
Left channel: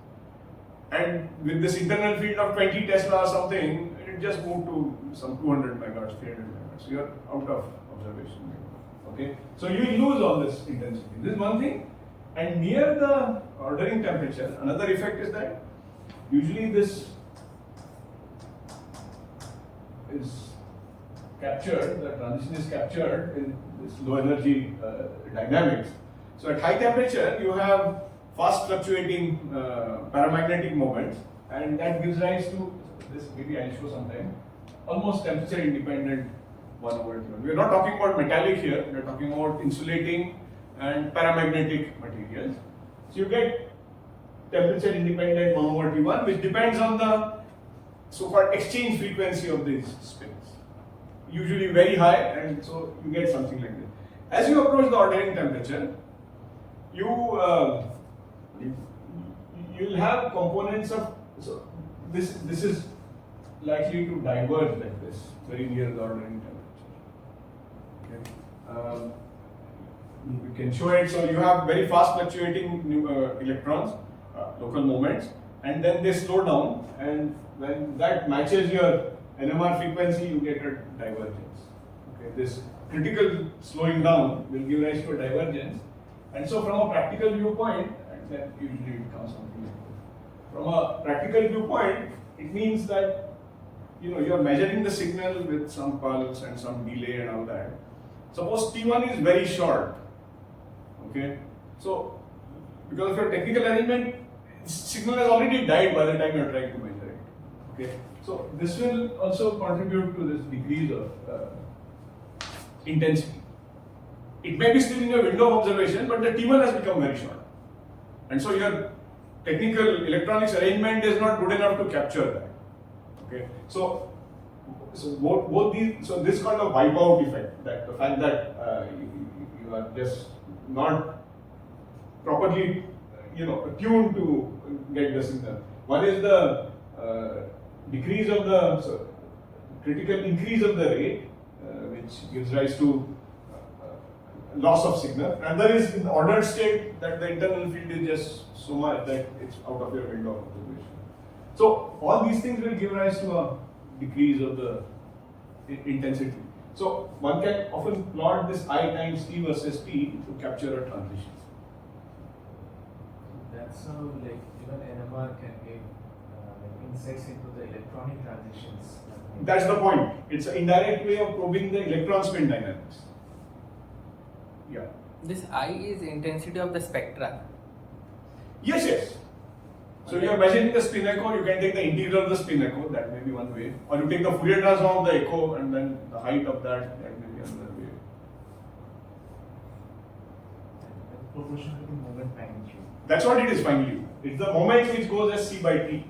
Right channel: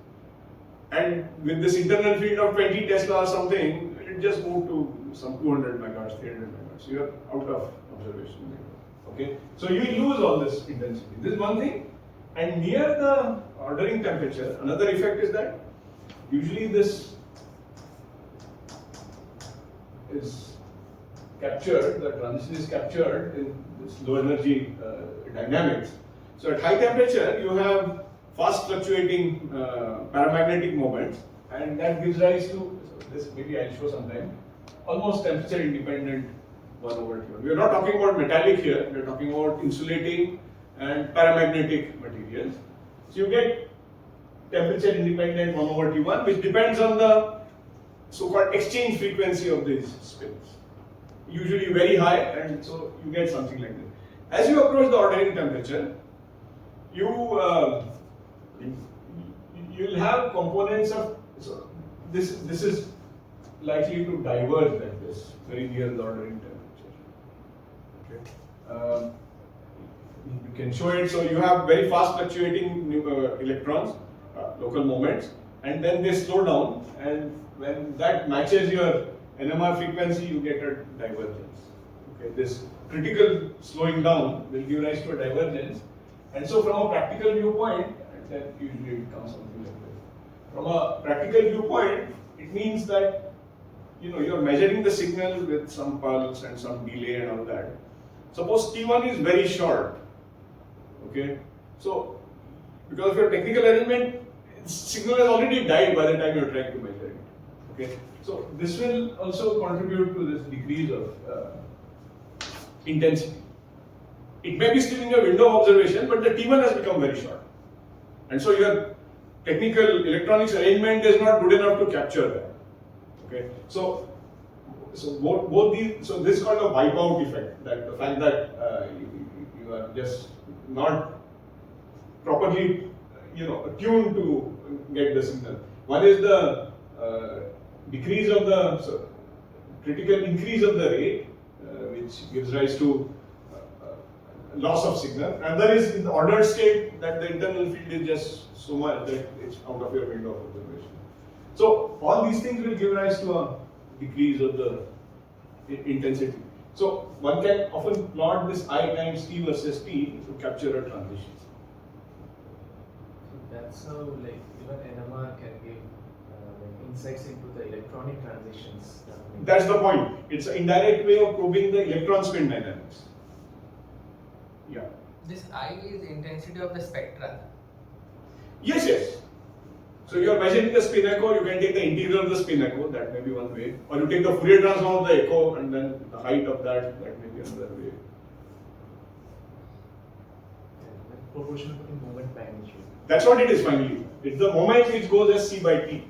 And with this internal field of 20 Tesla or something, it just moved to some 200 megahertz, 300 megahertz. So you're out of observation. Okay? So you lose all this intensity. This is one thing. And near the ordering temperature, another effect is that usually this is captured, the transition is captured in this low energy dynamics. So at high temperature, you have fast fluctuating paramagnetic moments, and that gives rise to, so this maybe I'll show sometime, almost temperature independent 1/T1. We are not talking about metallic here, we are talking about insulating and paramagnetic materials. So you get temperature independent 1/T1, which depends on the so-called exchange frequency of these spins. Usually very high, and so you get something like this. As you approach the ordering temperature, you'll have components of, so this is likely to diverge like this, very near the ordering temperature. Okay. You can show it, so you have very fast fluctuating electrons, local moments, and then they slow down, and when that matches your NMR frequency, you get a divergence. Okay. This critical slowing down will give rise to a divergence. And so from a practical viewpoint, and then usually it comes something like this. From a practical viewpoint, it means that you're measuring the signal with some pulse and some delay and all that. Suppose T1 is very short. Okay. So because of your technical arrangement, signal has already died by the time you're trying to measure it. Okay. So this will also contribute to this decrease of intensity. It may be still in your window of observation, but the T1 has become very short. And so your technical electronics arrangement is not good enough to capture that. Okay. So both these, so this is called a wipeout effect, that the fact that you are just not properly tuned to get the signal. One is the decrease of the critical increase of the rate, which gives rise to loss of signal. Another is in the ordered state, that the internal field is just so much that it's out of your window of observation. So all these things will give rise to a decrease of the intensity. So one can often plot this I times T versus T to capture a transition. So that's how like even NMR can give like insights into the electronic transitions. That's the point. It's an indirect way of probing the electron spin dynamics. Yeah. This I is intensity of the spectra. Yes, yes. So you are measuring the spin echo, you can take the integral of the spin echo, that may be one way. Or you take the Fourier transform of the echo and then the height of that may be another way. Proportional to the moment magnitude. That's what it is finally. It's the moment which goes as C by T.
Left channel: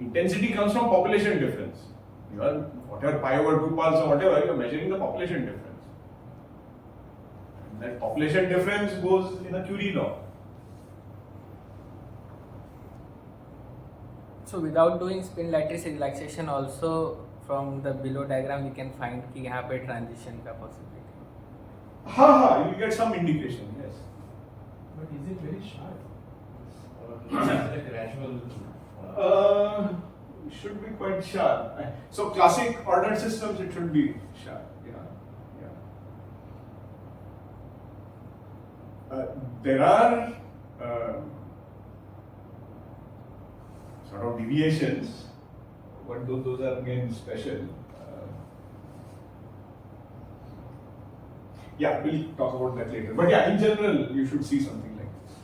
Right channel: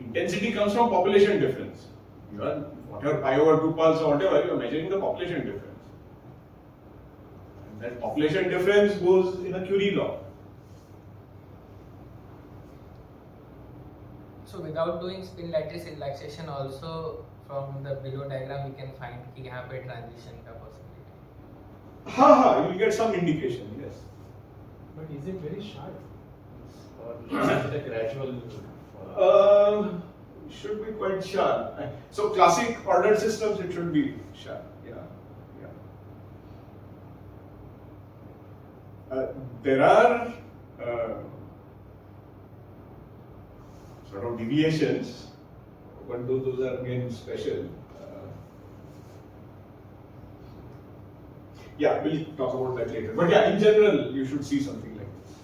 Intensity comes from population difference. You are whatever pi over 2 pulse or whatever, you are measuring the population difference. And that population difference goes in a Curie law. So without doing spin lattice relaxation also from the below diagram we can find कि यहाँ पे transition का possibility. You will get some indication, yes. But is it very sharp? Or is it a gradual? Should be quite sharp. So classic ordered systems, it should be sharp. There are sort of deviations, but those are again special. We'll talk about that later. But in general, you should see something like this.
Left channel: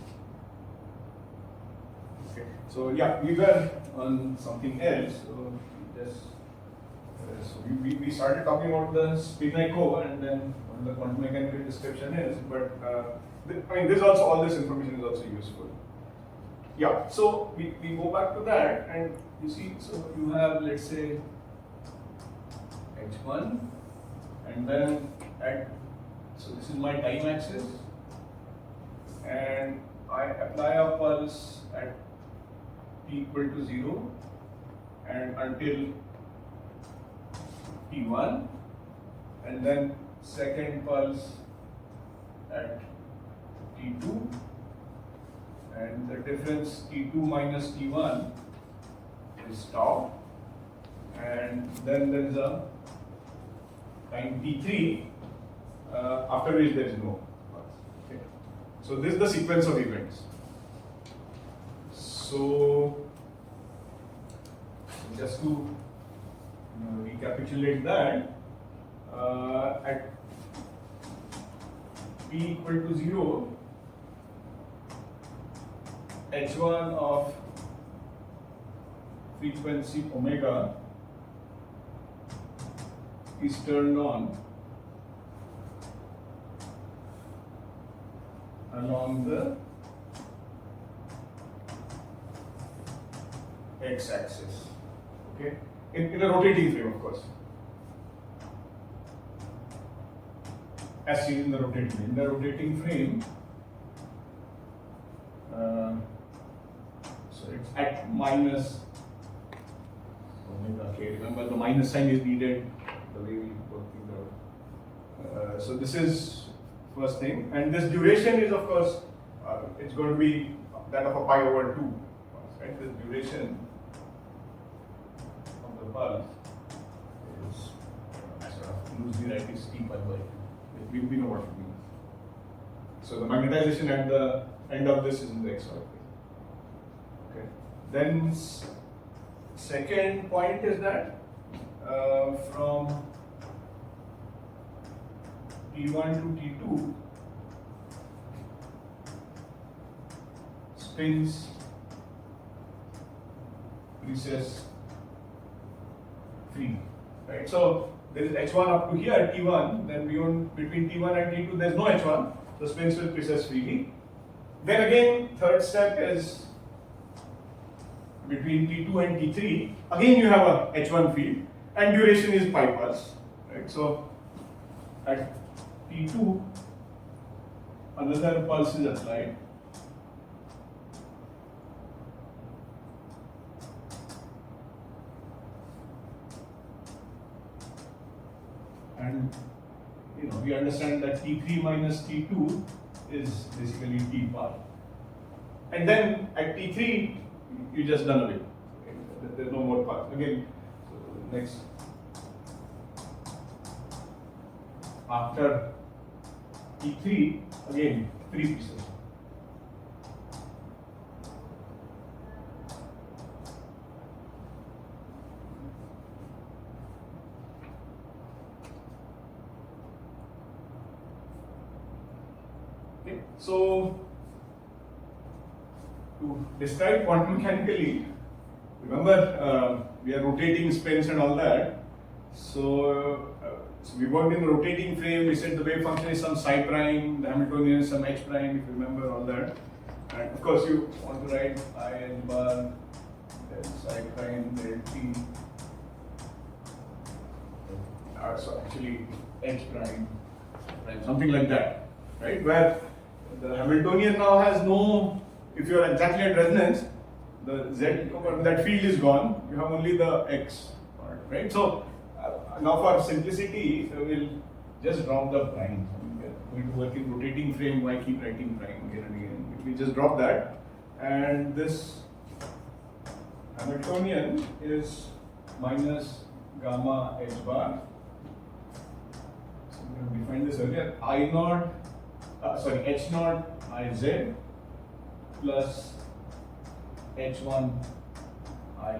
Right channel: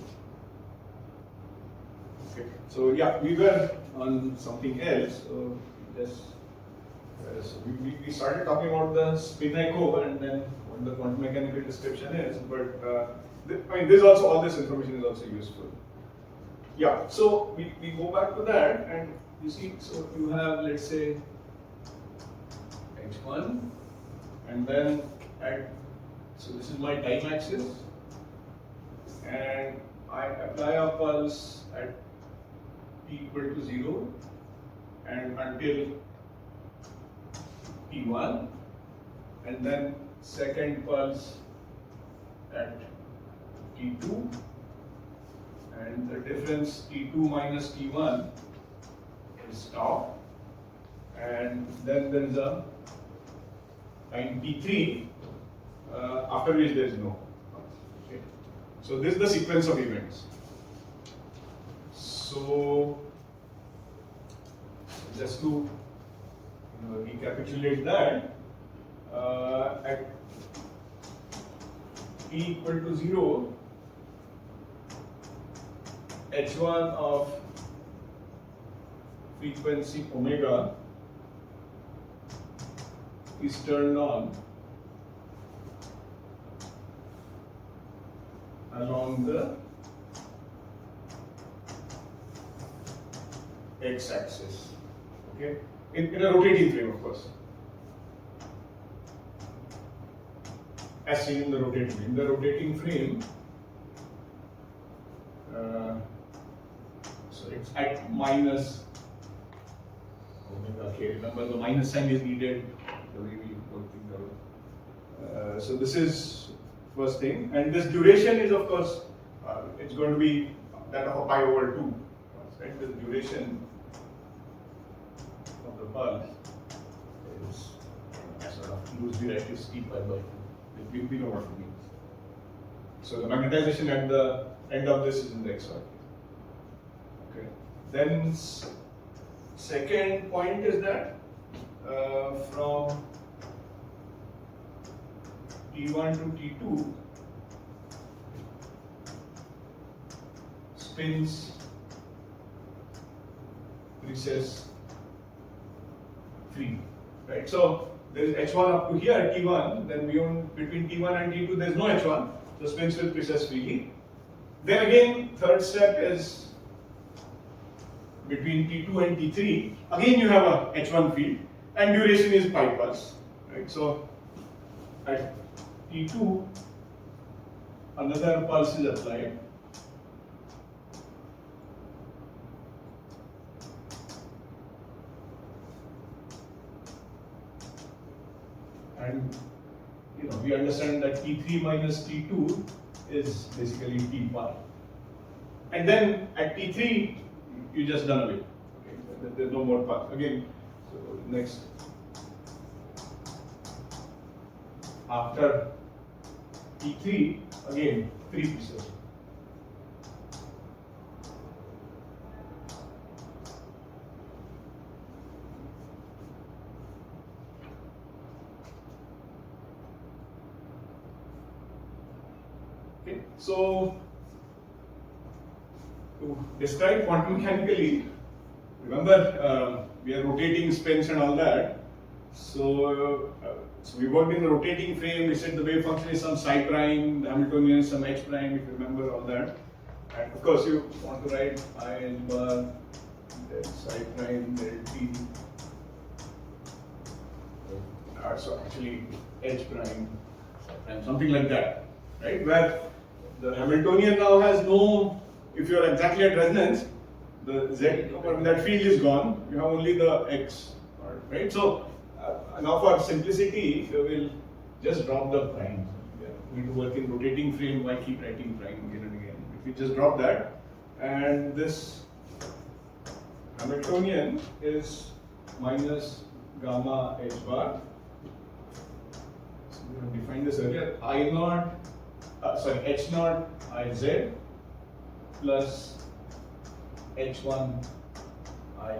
Okay. So we were on something else. So we started talking about the spin echo and then what the quantum mechanical description is. But this also, all this information is also useful. So we go back to that and you see, so you have, let's say, H1 and then so this is my time axis and I apply a pulse at t equal to 0 and until t1 and then second pulse at t2 and the difference t2 minus t1 is tau and then there is a time t3 after which there is no pulse. Okay. So this is the sequence of events. So just to recapitulate that, at t equal to 0, H1 of frequency omega is turned on along the x-axis, okay, in a rotating frame, of course, as seen in the rotating frame. In the rotating frame, so it's at minus omega k. Remember, the minus sign is needed the way we work things out. So this is first thing, and this duration is, of course, it's going to be that of a pi over 2, right? This duration of the pulse is sort of loosely write is t pi by 2. We know what it means. So the magnetization at the end of this is in the xy plane. Okay. Then second point is that from T1 to T2, spins precess free, right? So there is H1 up to here, T1, then between T1 and T2 there is no H1, so spins will precess freely. Then again, third step is between T2 and T3, again you have a H1 field and duration is pi pulse, right? So at T2, another pulse is applied. And we understand that T3 minus T2 is basically T pi. And then at T3, you just done away. Okay? There's no more pulse. Again, so next. After T3 again 3 pieces. Okay, so to describe quantum mechanically, remember we are rotating spins and all that. So, so we worked in the rotating frame. We said the wave function is some psi prime, the Hamiltonian is some h prime. If you remember all that, and of course you want to write I h bar del psi prime del t. So actually h prime, psi prime, something like that, right? Where the Hamiltonian now has no. If you are exactly at resonance, the z that field is gone. You have only the x part, right? So now for simplicity, we'll just drop the primes. We are going to work in rotating frame. Why keep writing prime again and again? We just drop that, and this Hamiltonian is minus gamma h bar. So we have defined this earlier. I naught, sorry, h naught I z plus h1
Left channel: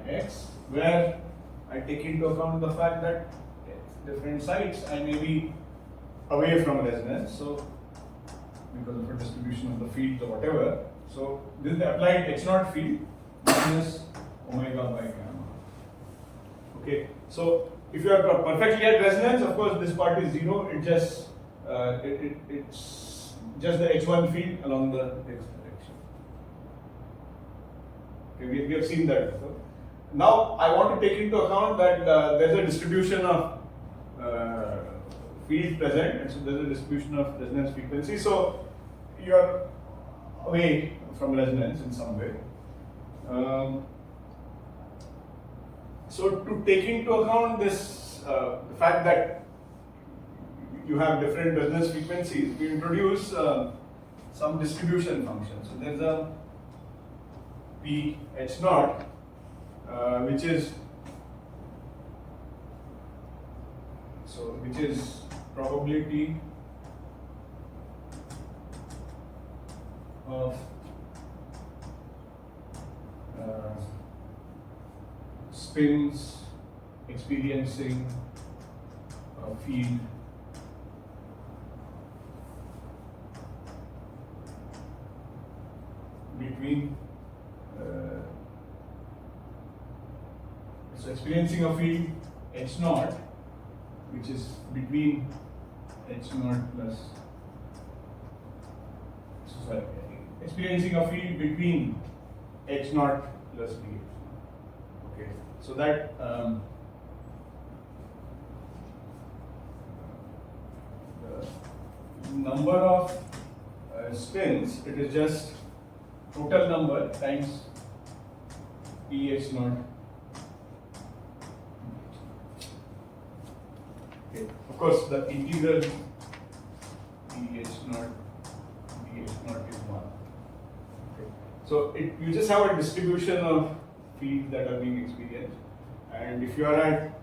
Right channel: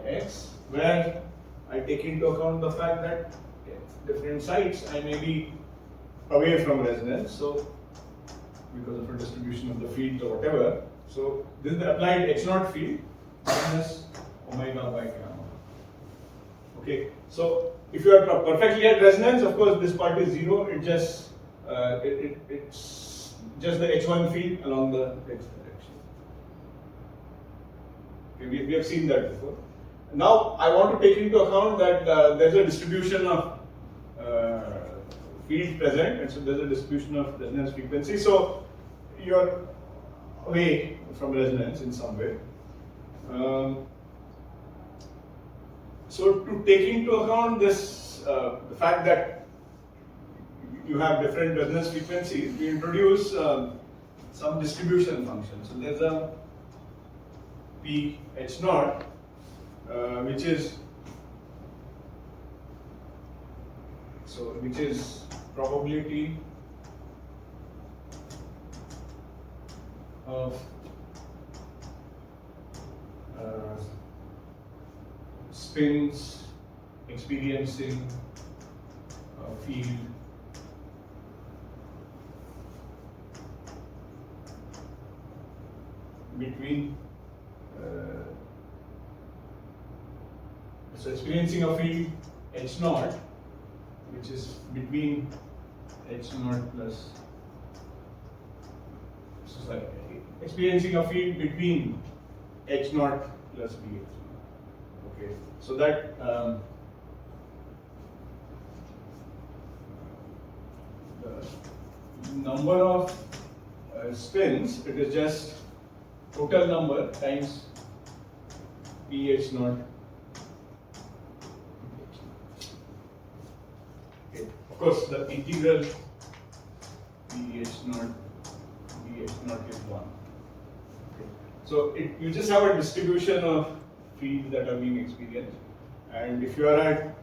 ix, where I take into account the fact that different sites I may be away from resonance, so because of a distribution of the field or whatever. So this is the applied h0 field minus omega by gamma. Okay, so if you are perfectly at resonance, of course this part is zero. It just it's just the h1 field along the x direction. Okay, we have seen that before. Now I want to take into account that there's a distribution of field present, and so there's a distribution of resonance frequency. So you're away from resonance in some way. So to take into account this, the fact that you have different resonance frequencies, we introduce some distribution function. So there's a P H naught, which is probability of spins experiencing a field between so experiencing a field h naught, which is between h naught plus experiencing a field between h naught plus b h naught. Okay, so that the number of spins, it is just total number times ph naught. Okay. Of course, the integral ph naught is 1. Okay. So you just have a distribution of fields that are being experienced, and if you are at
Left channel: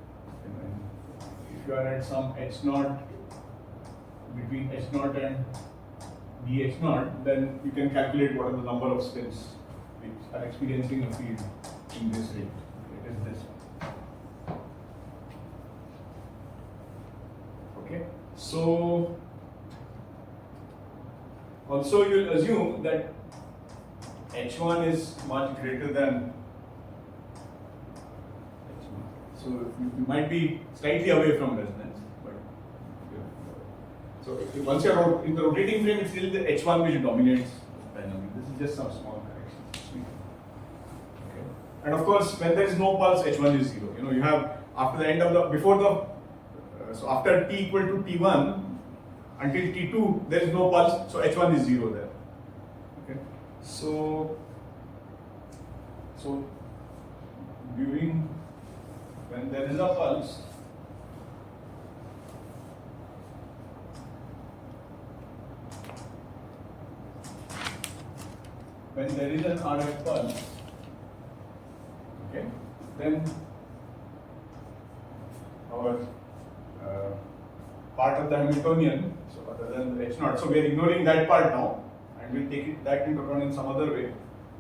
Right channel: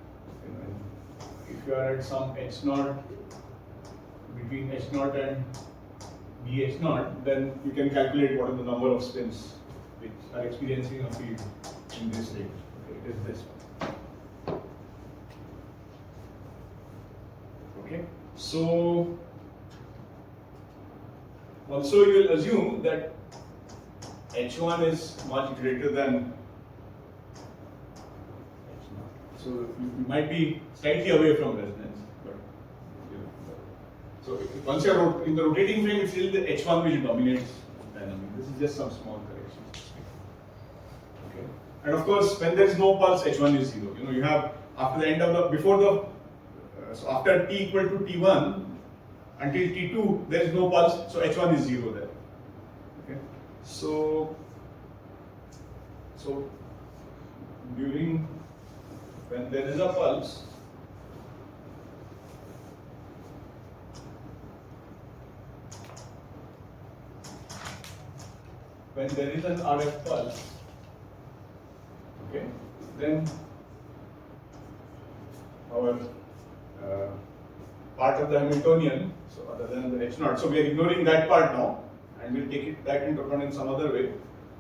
some h naught between h naught and bh naught, then you can calculate what are the number of spins which are experiencing a field in this range. Okay, it is this one. Okay, so also you will assume that h1 is much greater than h0. So you might be slightly away from resonance, but so once you're in the rotating frame, it's still the h1 which dominates dynamic. This is just some small corrections. Okay, and of course, when there is no pulse, h1 is 0. You have after the end of the so after t equal to t1 until t2 there is no pulse, so h1 is 0 there. Okay, so during when there is a pulse, when there is an RF pulse, okay, then our part of the Hamiltonian, so other than the H0. So we are ignoring that part now, and we'll take that into account in some other way.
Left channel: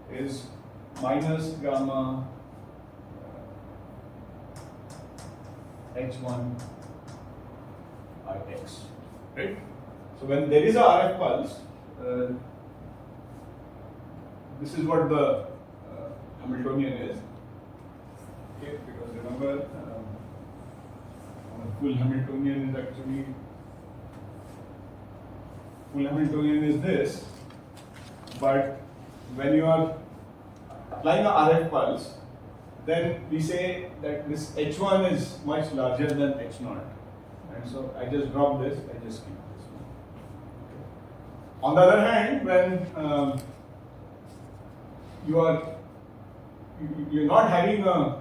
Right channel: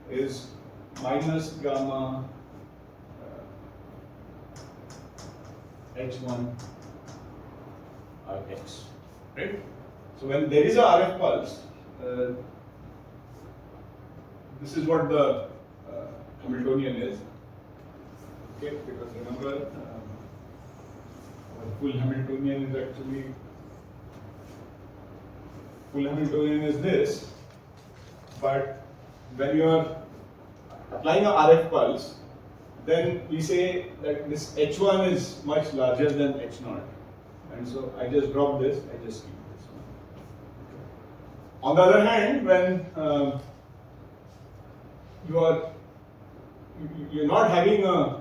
Is minus gamma H1 Ix, right? So when there is a RF pulse, this is what the Hamiltonian is. Okay, because remember, full Hamiltonian is actually this, but when you are applying a RF pulse, then we say that this H1 is much larger than H0, and so I just drop this, I just keep this one. On the other hand, when you're not having a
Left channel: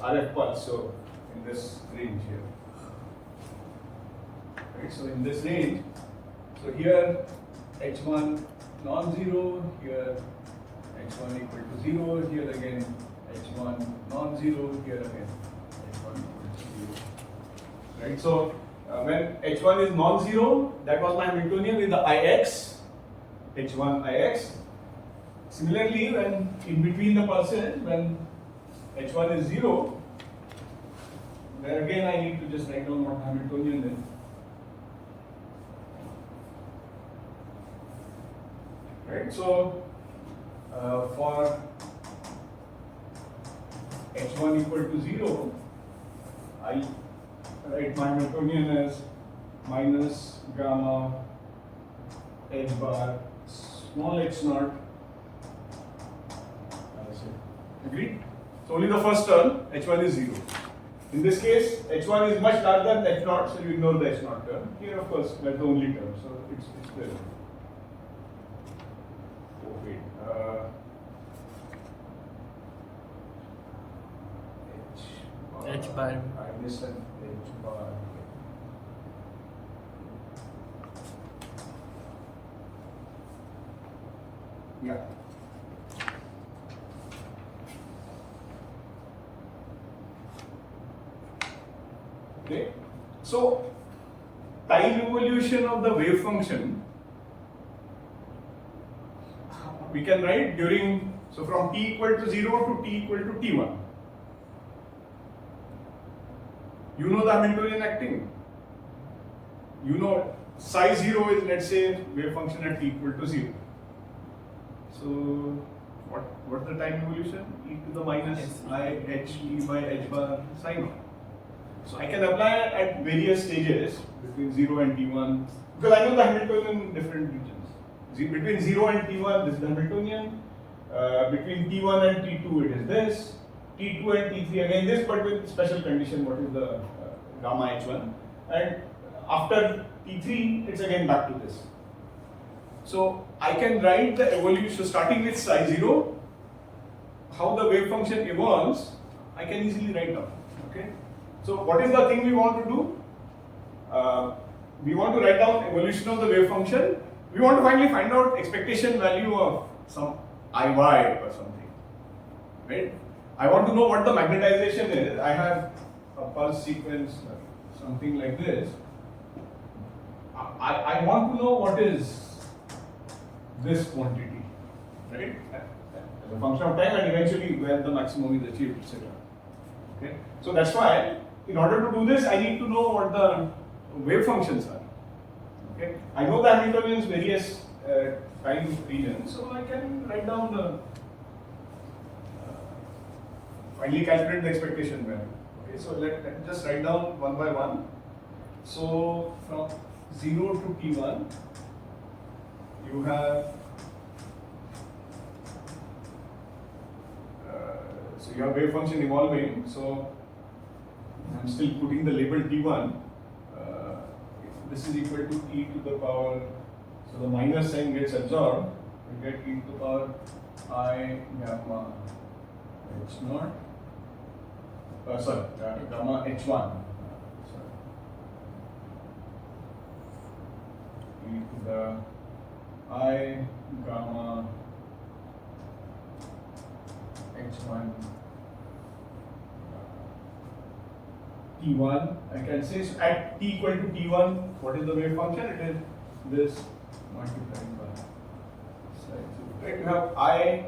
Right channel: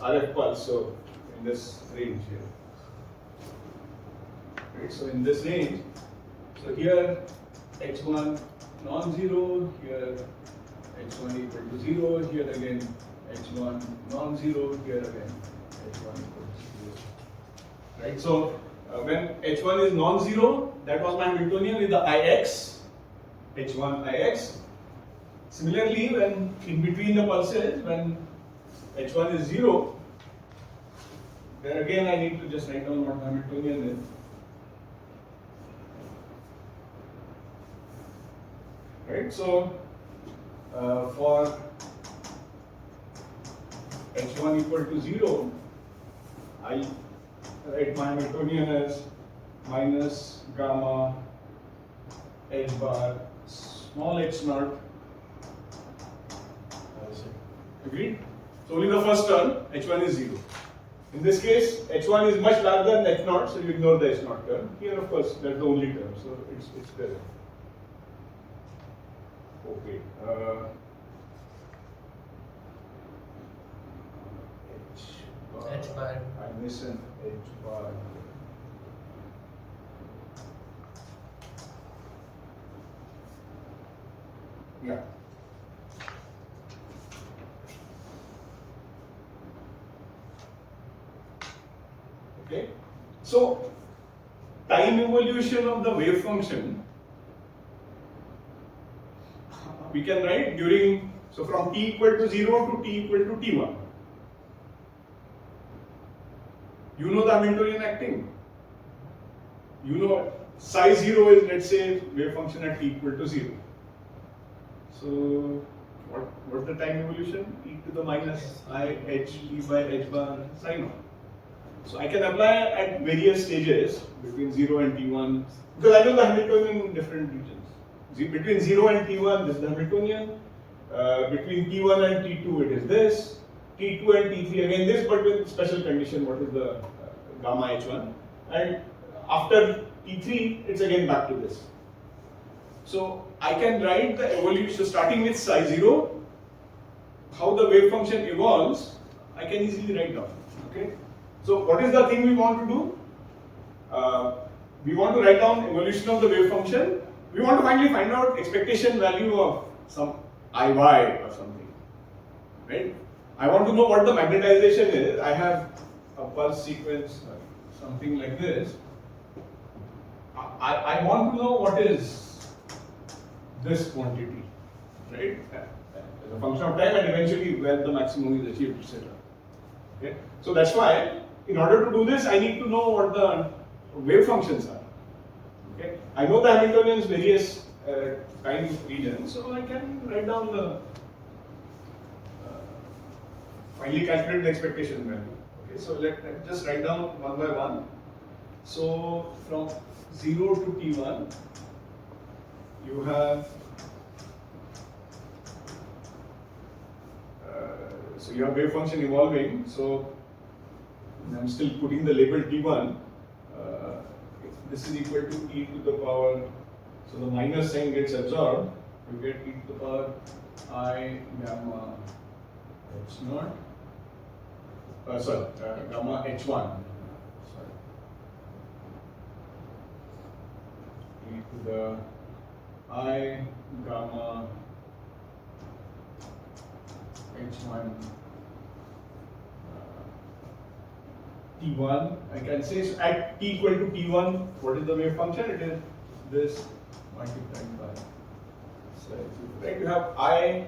RF pulse, so in this range here, right? So in this range, so here H1 non-zero, here H1 equal to 0, here again H1 non-zero, here again H1 equal to 0. Right? So when H1 is non-zero, that was my Hamiltonian with the Ix, H1 Ix. Similarly, when in between the pulses, when H1 is 0, there again I need to just write down what Hamiltonian is. Right? So for H1 equal to 0, I write my Hamiltonian as minus gamma H bar small h0. Agreed? So only the first term, H1 is 0. In this case, H1 is much larger than H0, so you ignore the H0 term. Here, of course, that's the only term, so it's there. Oh, wait. H bar. I miss an H bar here. Yeah. Okay. So, time evolution of the wave function, we can write during, so from t equal to 0 to t equal to t1. You know the Hamiltonian acting. You know psi 0 is, let's say, wave function at t equal to 0. So, what's the time evolution? E to the minus I h e by h bar psi naught. So I can apply at various stages between 0 and t1, because I know the Hamiltonian in different regions. Between 0 and t1, this is the Hamiltonian. Between t1 and t2, it is this. t2 and t3, again this, but with special condition, what is the gamma h1. And after t3, it's again back to this. So I can write the evolution, so starting with psi 0, how the wave function evolves, I can easily write down. Okay. So what is the thing we want to do? We want to write down evolution of the wave function. We want to finally find out expectation value of some Iy or something, right? I want to know what the magnetization is. I have a pulse sequence, something like this. I want to know what is this quantity, right? As a function of time and eventually when the maximum is achieved, etc. Okay, so that's why in order to do this, I need to know what the wave functions are. Okay, I know the Hamiltonian's various time regions, so I can write down the finally calculate the expectation value. Okay, so let's just write down one by one. So from 0 to t1, you have so you have wave function evolving. So I'm still putting the label t1. This is equal to e to the power. So the minus sign gets absorbed. You get e to the power I gamma h0. Gamma h1. Sorry. E to the I gamma h1 t1. I can say so at t equal to t1, what is the wave function? It is this multiplied by sine 0. Right? You have I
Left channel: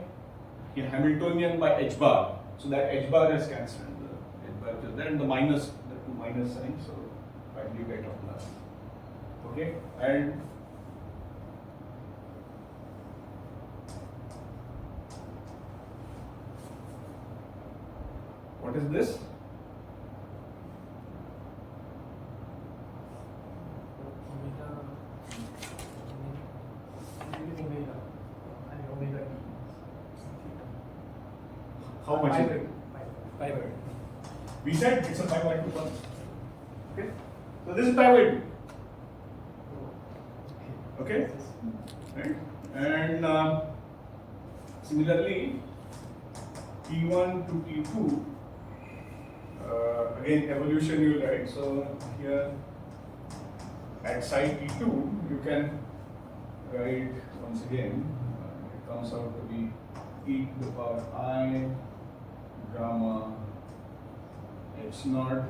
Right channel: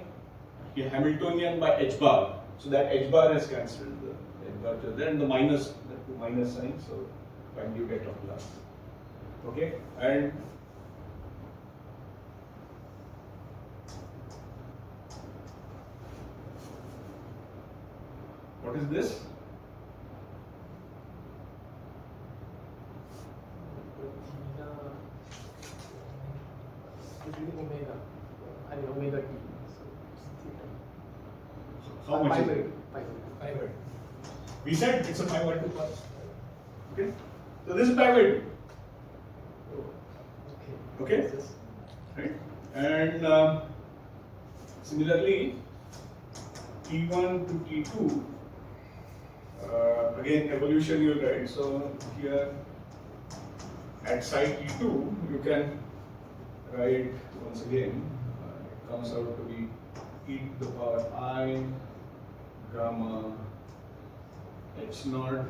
Hamiltonian by h bar. So that h bar has cancelled. The h bar is there, and the minus, the two minus signs. So finally you get a plus. Okay, and what is this? How much is it? 5/2. We said it's a 5/2 pulse. Okay, so this is 5/2. Okay, right? And similarly, T1 to T2. Again, evolution you will write. So here at side T2, you can write once again. It comes out to be e to the power I gamma h naught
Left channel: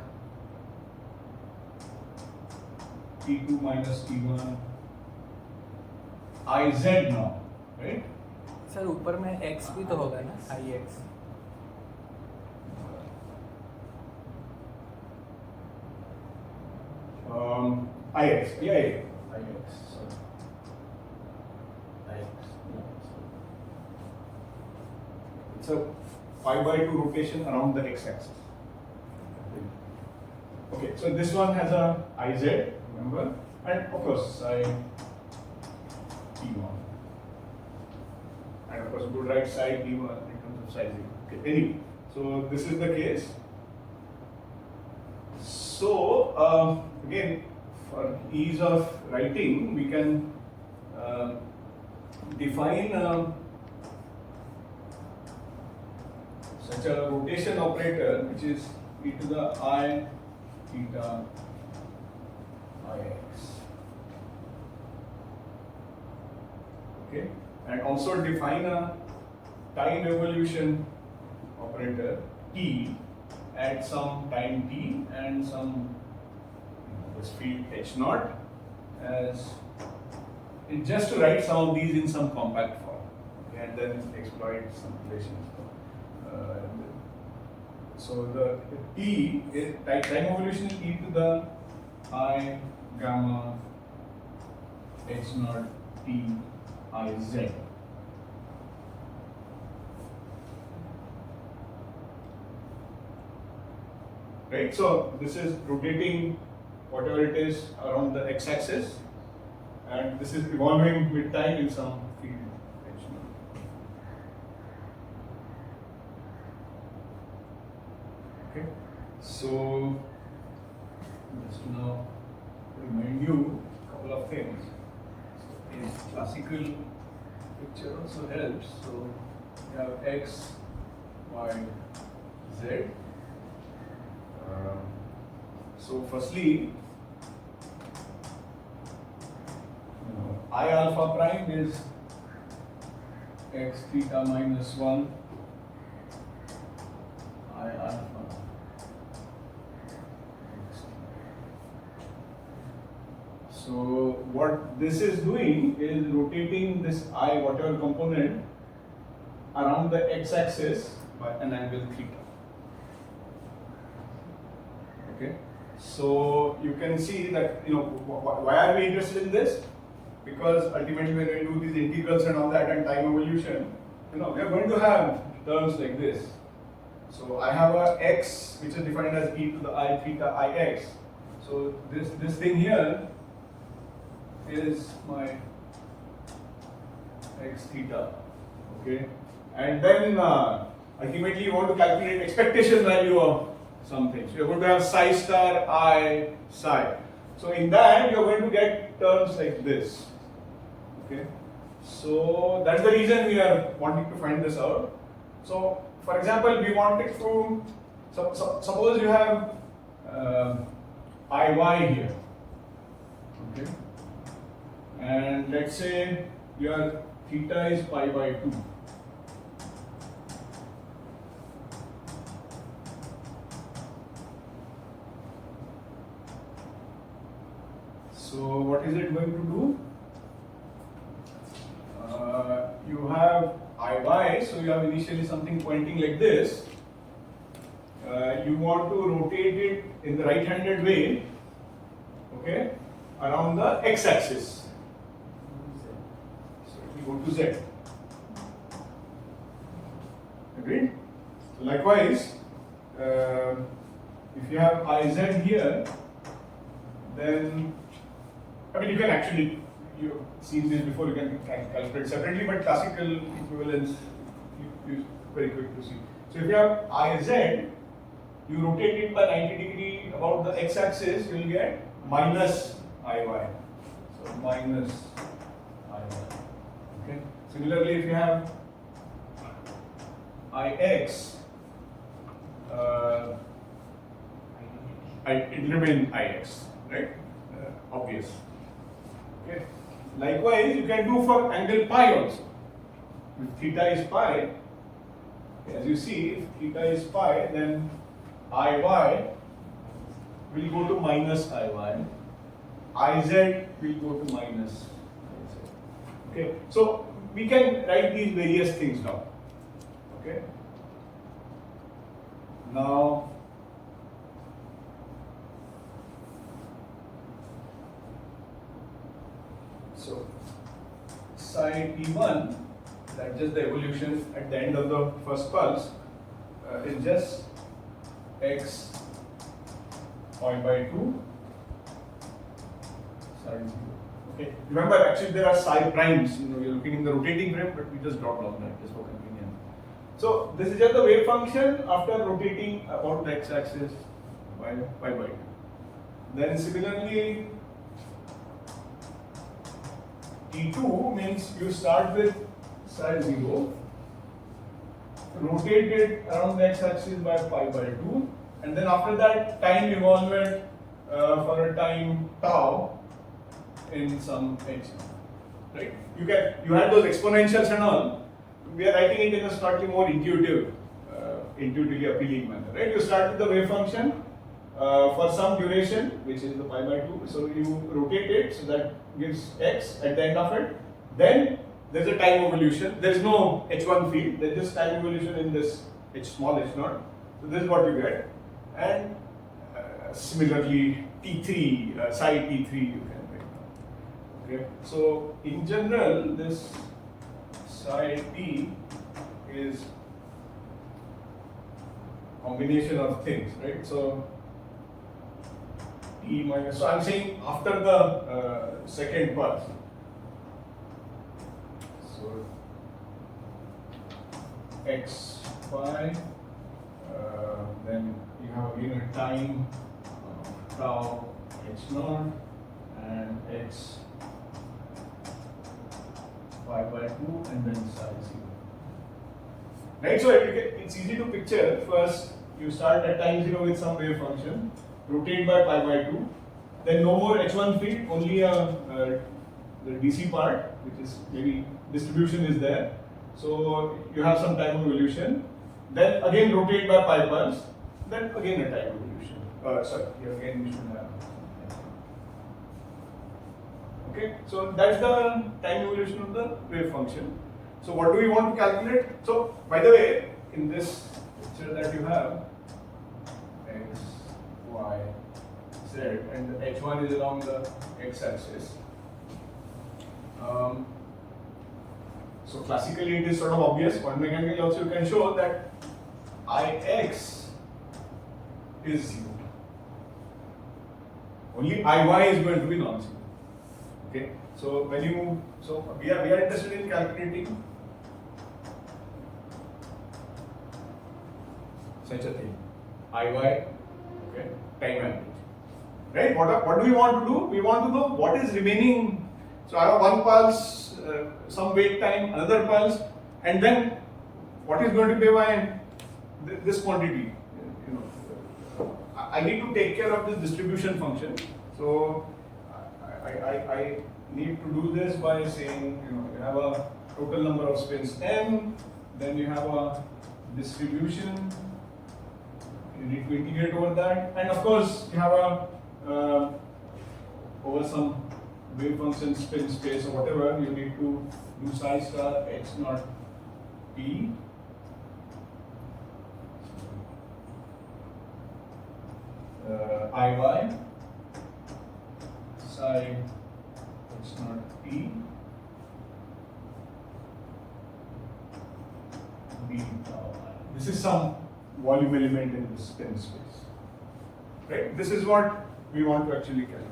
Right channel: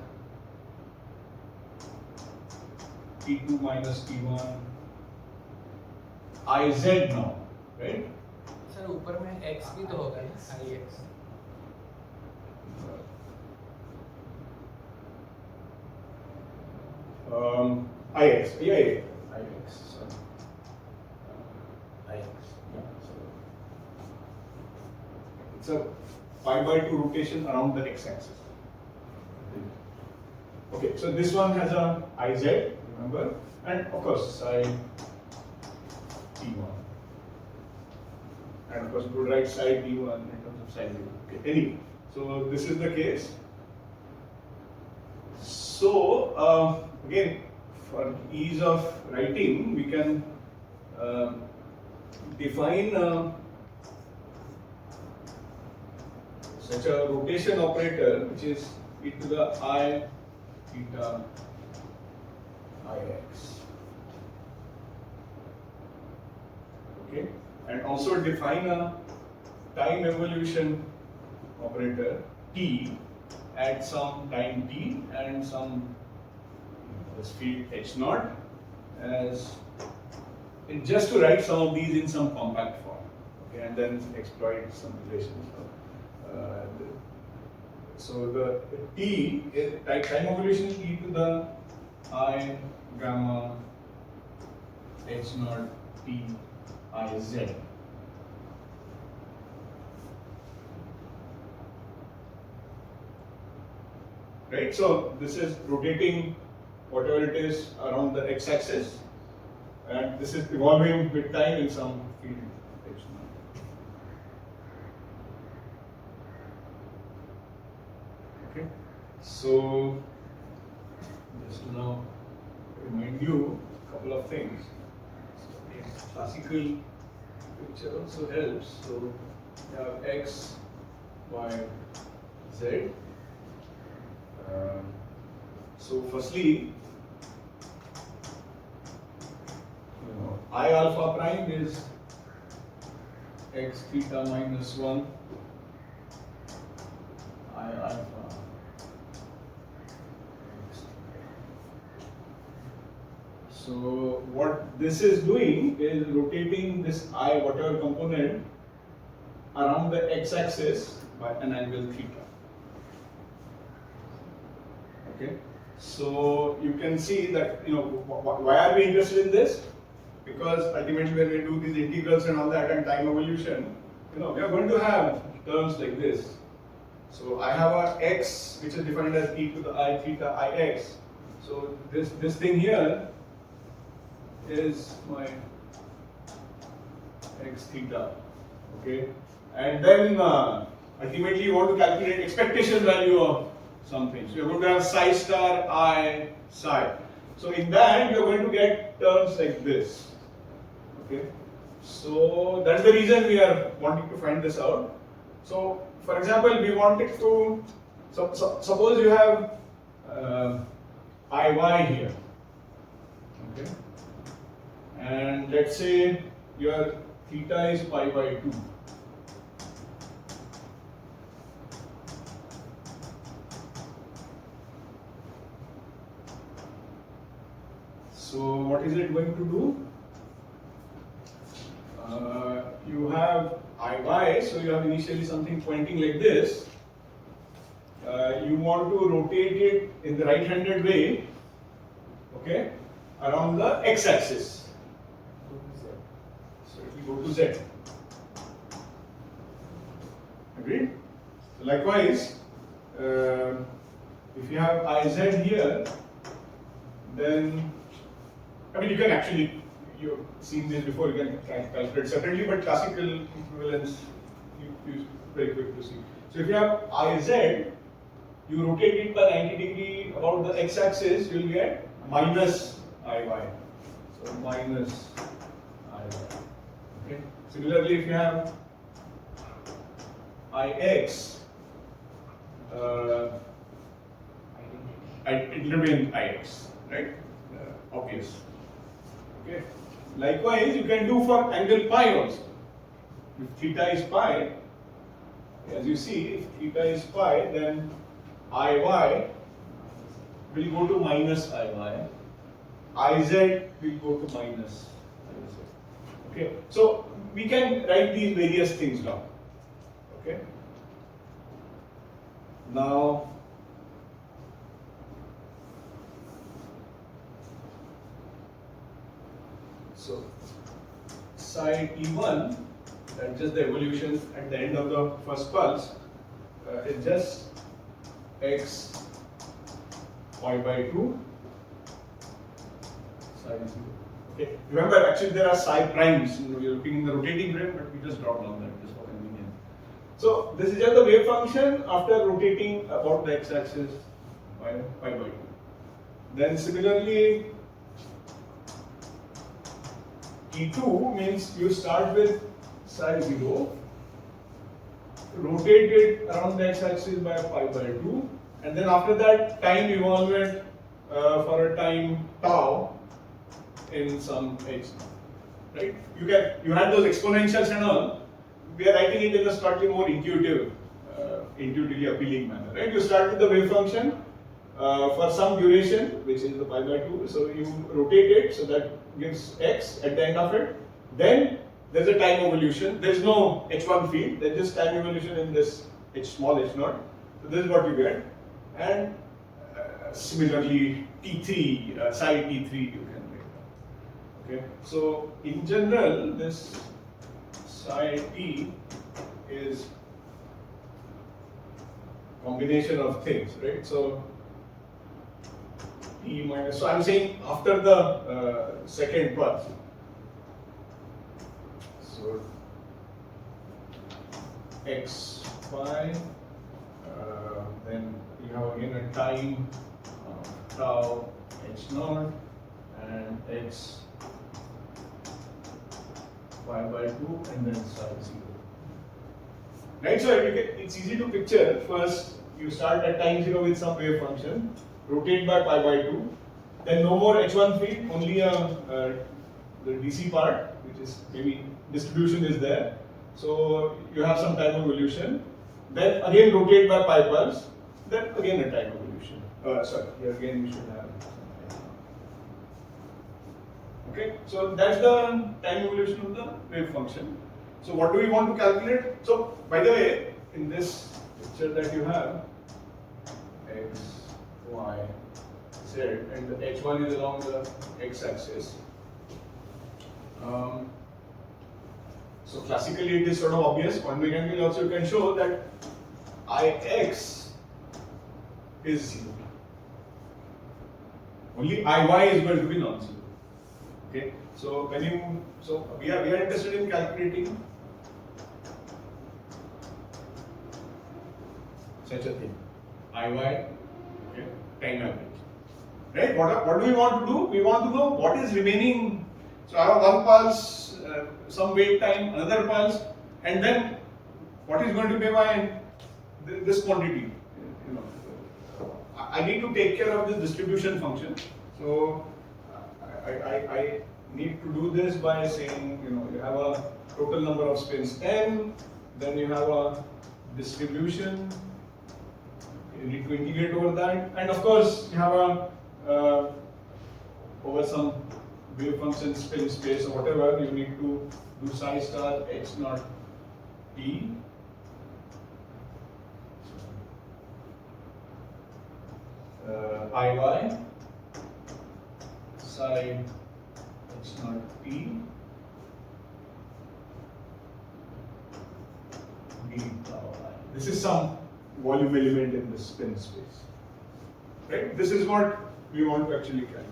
T2 minus T1 IZ now, right? Sir ऊपर में x भी तो होगा ना ix IX, IX, sorry. IX, yeah, sorry. It's a 5/2 rotation around the x-axis. Okay, so this one has a IZ, remember, and of course side T1. And of course, we would write side T1 in terms of size. Okay, anyway, so this is the case. So again, for ease of writing, we can define such a rotation operator, which is e to the I theta ix. Okay, and also define a time evolution operator t at some time t and some this field h naught as and just to write some of these in some compact form. Okay, and then exploit some relations. So the t is time evolution is e to the I gamma h naught t I z. Right, so this is rotating whatever it is around the x-axis, and this is evolving with time in some field h naught. Okay, so just to now remind you a couple of things. So in classical picture also helps. So you have x, y, z. So firstly, I alpha prime is x theta minus 1 I alpha x theta. So what this is doing is rotating this I whatever component around the x-axis by an angle theta. Okay, so you can see that why are we interested in this? Because ultimately when we do these integrals and all that and time evolution, we are going to have terms like this. So I have a x which is defined as e to the I theta ix. So this thing here is my x theta. Okay, and then ultimately you want to calculate expectation value of something. So you're going to have psi star I psi. So in that you're going to get terms like this. Okay, so that's the reason we are wanting to find this out. So for example, we wanted to suppose you have IY here. Okay, and let's say your theta is pi by 2. So what is it going to do? you have Iy, so you have initially something pointing like this. You want to rotate it in the right-handed way, okay, around the x-axis. So it will go to z. Agreed? So likewise, if you have Iz here, then I mean you can actually, you've seen this before, you can calculate separately, but classical equivalence you very quick to see. So if you have Iz, you rotate it by 90 degree about the x-axis, you will get minus Iy. So minus Iy. Okay. Similarly, if you have Ix, it will remain Ix, right? Obvious. Okay. Likewise, you can do for angle pi also. If theta is pi, as you see, if theta is pi, then Iy will go to minus Iy. Iz will go to minus Iz. Okay. So we can write these various things down. Okay. Now, so psi t1, that's just the evolution at the end of the first pulse, is just x pi by 2 psi 0. Okay. Remember, actually there are psi primes. You're looking in the rotating frame, but we just dropped all that just for convenience. So this is just the wave function after rotating about the x-axis by pi by 2. Then similarly, T2 means you start with psi 0, rotate it around the x-axis by pi by 2, and then after that time evolvement for a time tau in some h now, right? You had those exponentials and all. We are writing it in a slightly more intuitively appealing manner, right? You start with the wave function for some duration, which is the pi by 2. So you rotate it, so that gives x at the end of it. Then there's a time evolution. There is no h1 field. There's just time evolution in this h small h naught. So this is what you get. And similarly, t3, psi t3 you can write down. Okay. So in general, this psi t is combination of things, right? So t minus. So I'm saying after the second pulse. So x pi, then you have again a time tau h naught and x pi by 2 and then psi 0. Right, so it's easy to picture. First, you start at time 0 with some wave function, rotate by pi by 2, then no more h1 field, only the DC part, which is maybe distribution is there. So you have some time evolution, then again rotate by pi pulse, then again a time evolution. Sorry, here again you should have something. Okay, so that's the time evolution of the wave function. So what do we want to calculate? So by the way, in this picture that you have, x, y, z, and the h1 is along the x-axis. So classically it is sort of obvious. Quantum mechanically also you can show that Ix is 0. Only Iy is going to be non-zero. Okay. So when you we are interested in calculating such a thing. Iy, okay, time average. Right? What do we want to do? We want to know what is remaining. So I have one pulse, some wait time, another pulse, and then what is going to be my this quantity? You know, I need to take care of this distribution function. So I need to do this by saying, you know, you have a total number of spins m, then you have a distribution. You need to integrate over that, and of course you have a over some wave function spin space or whatever, you need to do psi star h naught t iy psi h naught t d tau I. This is some volume element in the spin space, right? This is what we want to actually calculate.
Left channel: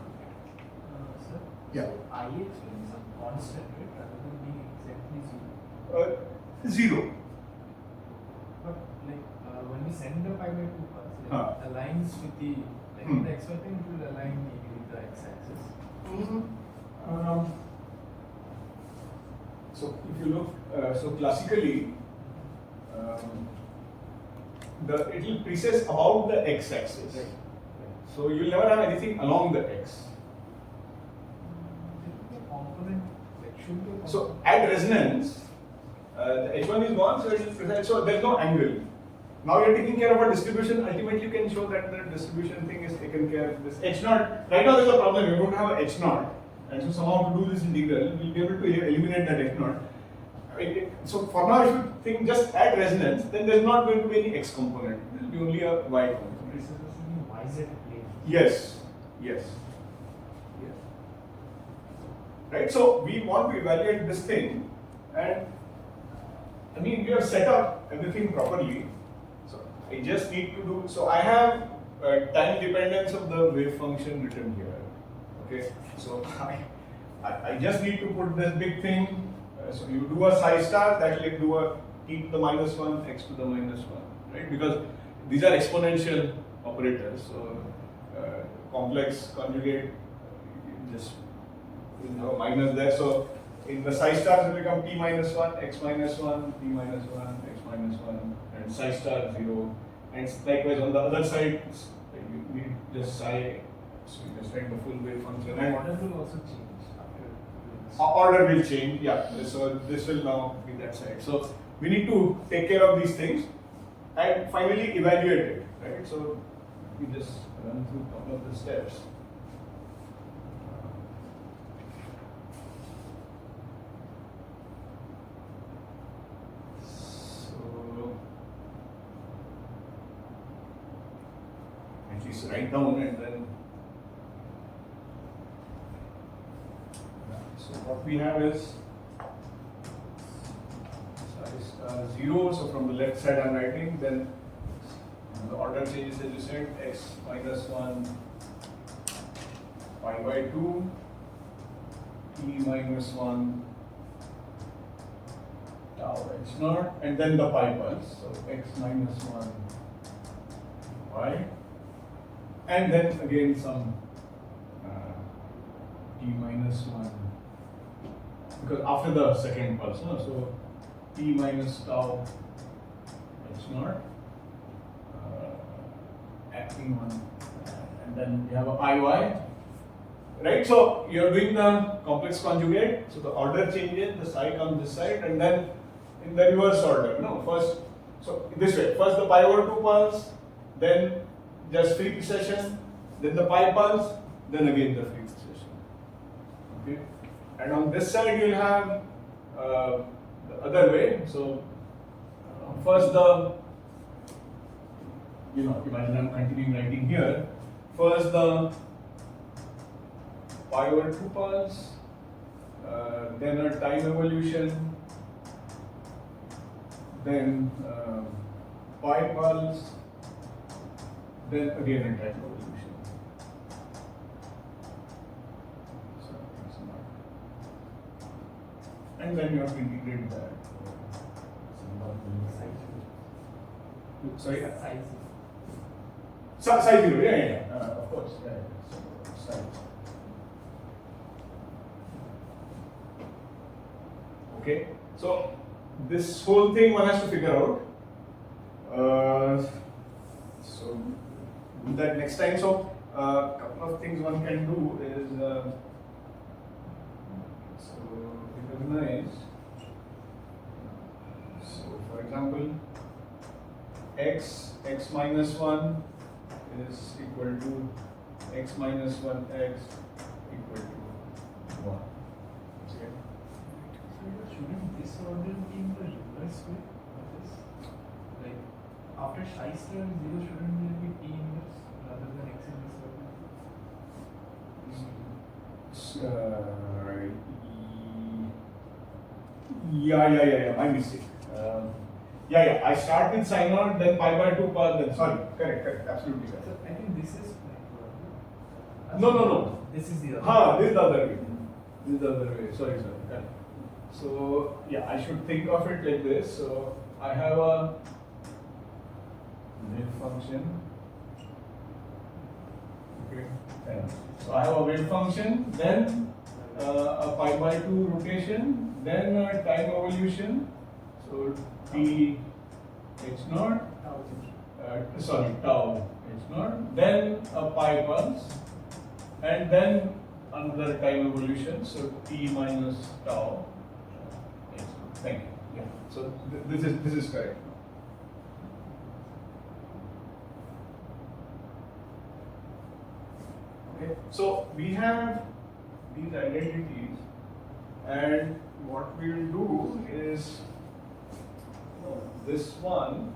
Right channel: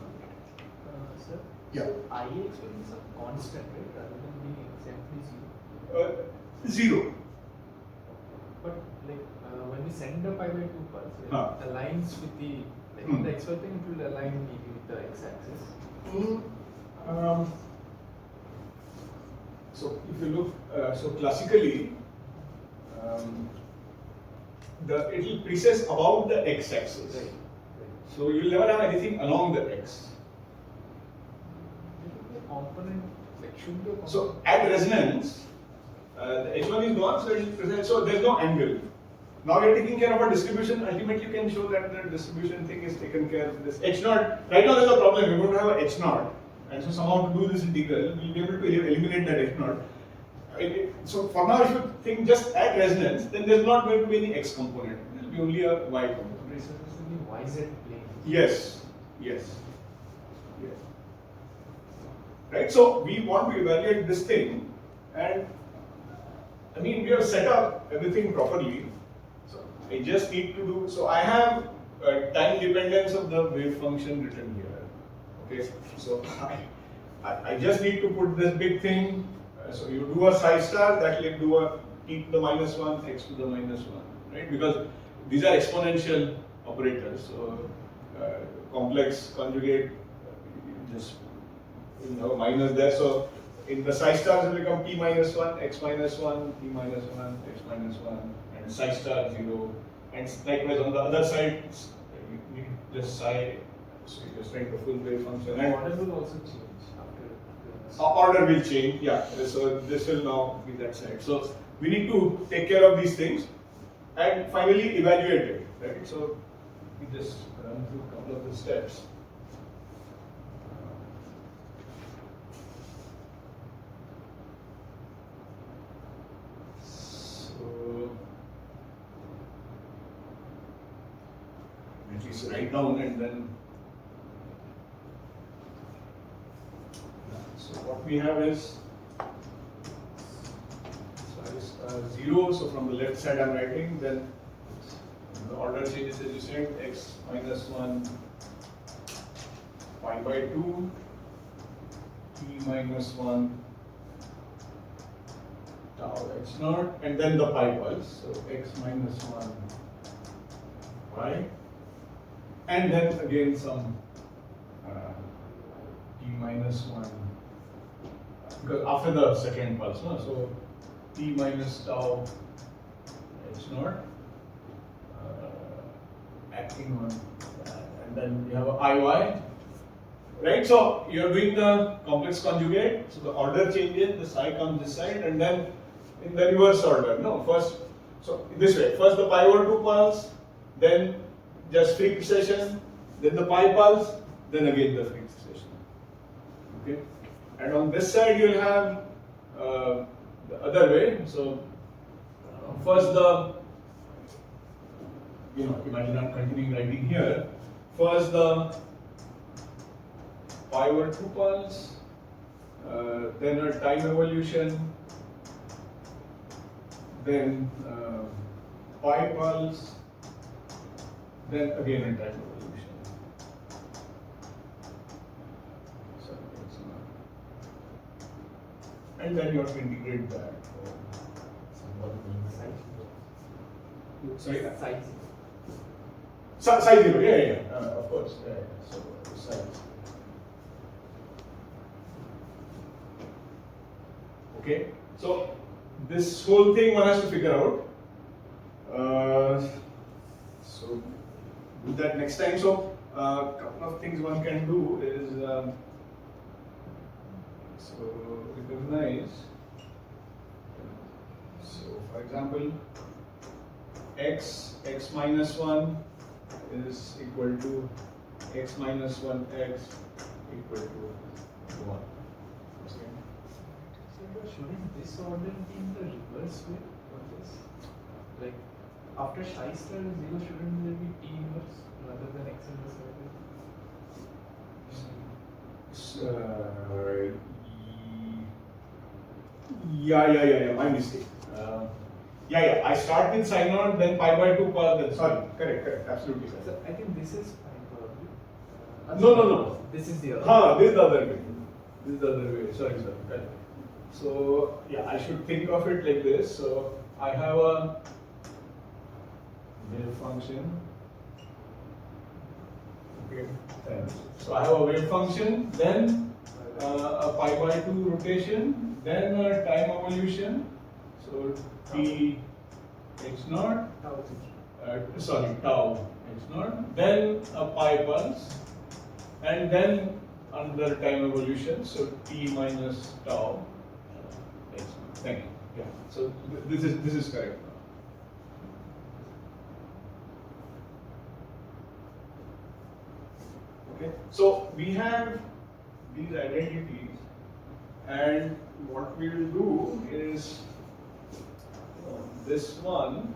Sir, Yeah. so IH is a constant, right? Rather than being exactly 0. Zero. But like when we send the pi by 2 pulse, it Huh. aligns with the Hmm. the XY thing, it will align maybe with the x-axis. So if you look, so classically, it will precess about the x-axis. Right. So you will never have anything along the x. There will be a component, like should be a component. So at resonance, the h1 is gone, so it is precise. So there is no angle. Now you are taking care of a distribution. Ultimately, you can show that the distribution thing is taken care of. This h naught. Right now, there is a problem. We don't have a h naught, and so somehow to do this integral, we'll be able to eliminate that h naught. So for now, if you think just at resonance, then there's not going to be any x component. There will be only a y component. It's supposed to be YZ plane. Yes, yes, yes. Right. So we want to evaluate this thing, and I mean we have set up everything properly. So I just need to do. So I have time dependence of the wave function written here. Okay. So I just need to put this big thing. So you do a psi star, that will do a e to the minus 1, x to the minus 1, right? Because these are exponential operators. So complex conjugate, just minus there. So in the psi stars will become p minus 1, x minus 1, p minus 1, x minus 1, and psi star 0. And likewise on the other side, you need just psi, so you just write the full wave function. The And order will also change after order will change, yeah. So this will now be that side. So we need to take care of these things and finally evaluate it, right? So we just run through a couple of the steps. So at least write down and then. So what we have is size 0. So from the left side I'm writing, then the order changes as you said, x minus 1 pi by 2, e minus 1 tau h naught, and then the pi pulse. So x minus 1 pi, and then again some t minus 1. Because after the second pulse, no? So t minus tau h naught acting on, and then you have a iy, right? So you're doing the complex conjugate, so the order changes, the psi comes this side, and then in the reverse order. No, first, so this way, first the pi over 2 pulse, then just free precession, then the pi pulse, then again the free precession. Okay. And on this side you will have the other way. So first the, imagine I'm continuing writing here. First the pi over 2 pulse, then a time evolution, then pi pulse, then again a time evolution. So it's not. And then you have to integrate that. somebody being size. Sorry? Size. Size 0, yeah. Of course, yeah. So size. Okay, so this whole thing one has to figure out. So do that next time. So couple of things one can do is so recognize. So for example, x minus 1 is equal to x minus 1x equal to 1. Okay. So shouldn't this order be in the reverse way of this? Like after psi star 0, shouldn't there be T inverse rather than X inverse like this? Yeah. My mistake. Yeah. I start with psi naught, then pi by 2 per. Then sorry. Correct. Absolutely correct. So I think this is fine probably. No. This is the other. This is the other way. This is the other way. Sorry. Correct. So yeah, I should think of it like this. So I have a wave function. Okay. So I have a wave function, then a pi by 2 rotation, then a time evolution. So t h naught. Tau h naught. Then a pi pulse, and then another time evolution. So t minus tau h naught. Thank you. Yeah. So this is correct. Okay, so we have these identities, and what we'll do is this one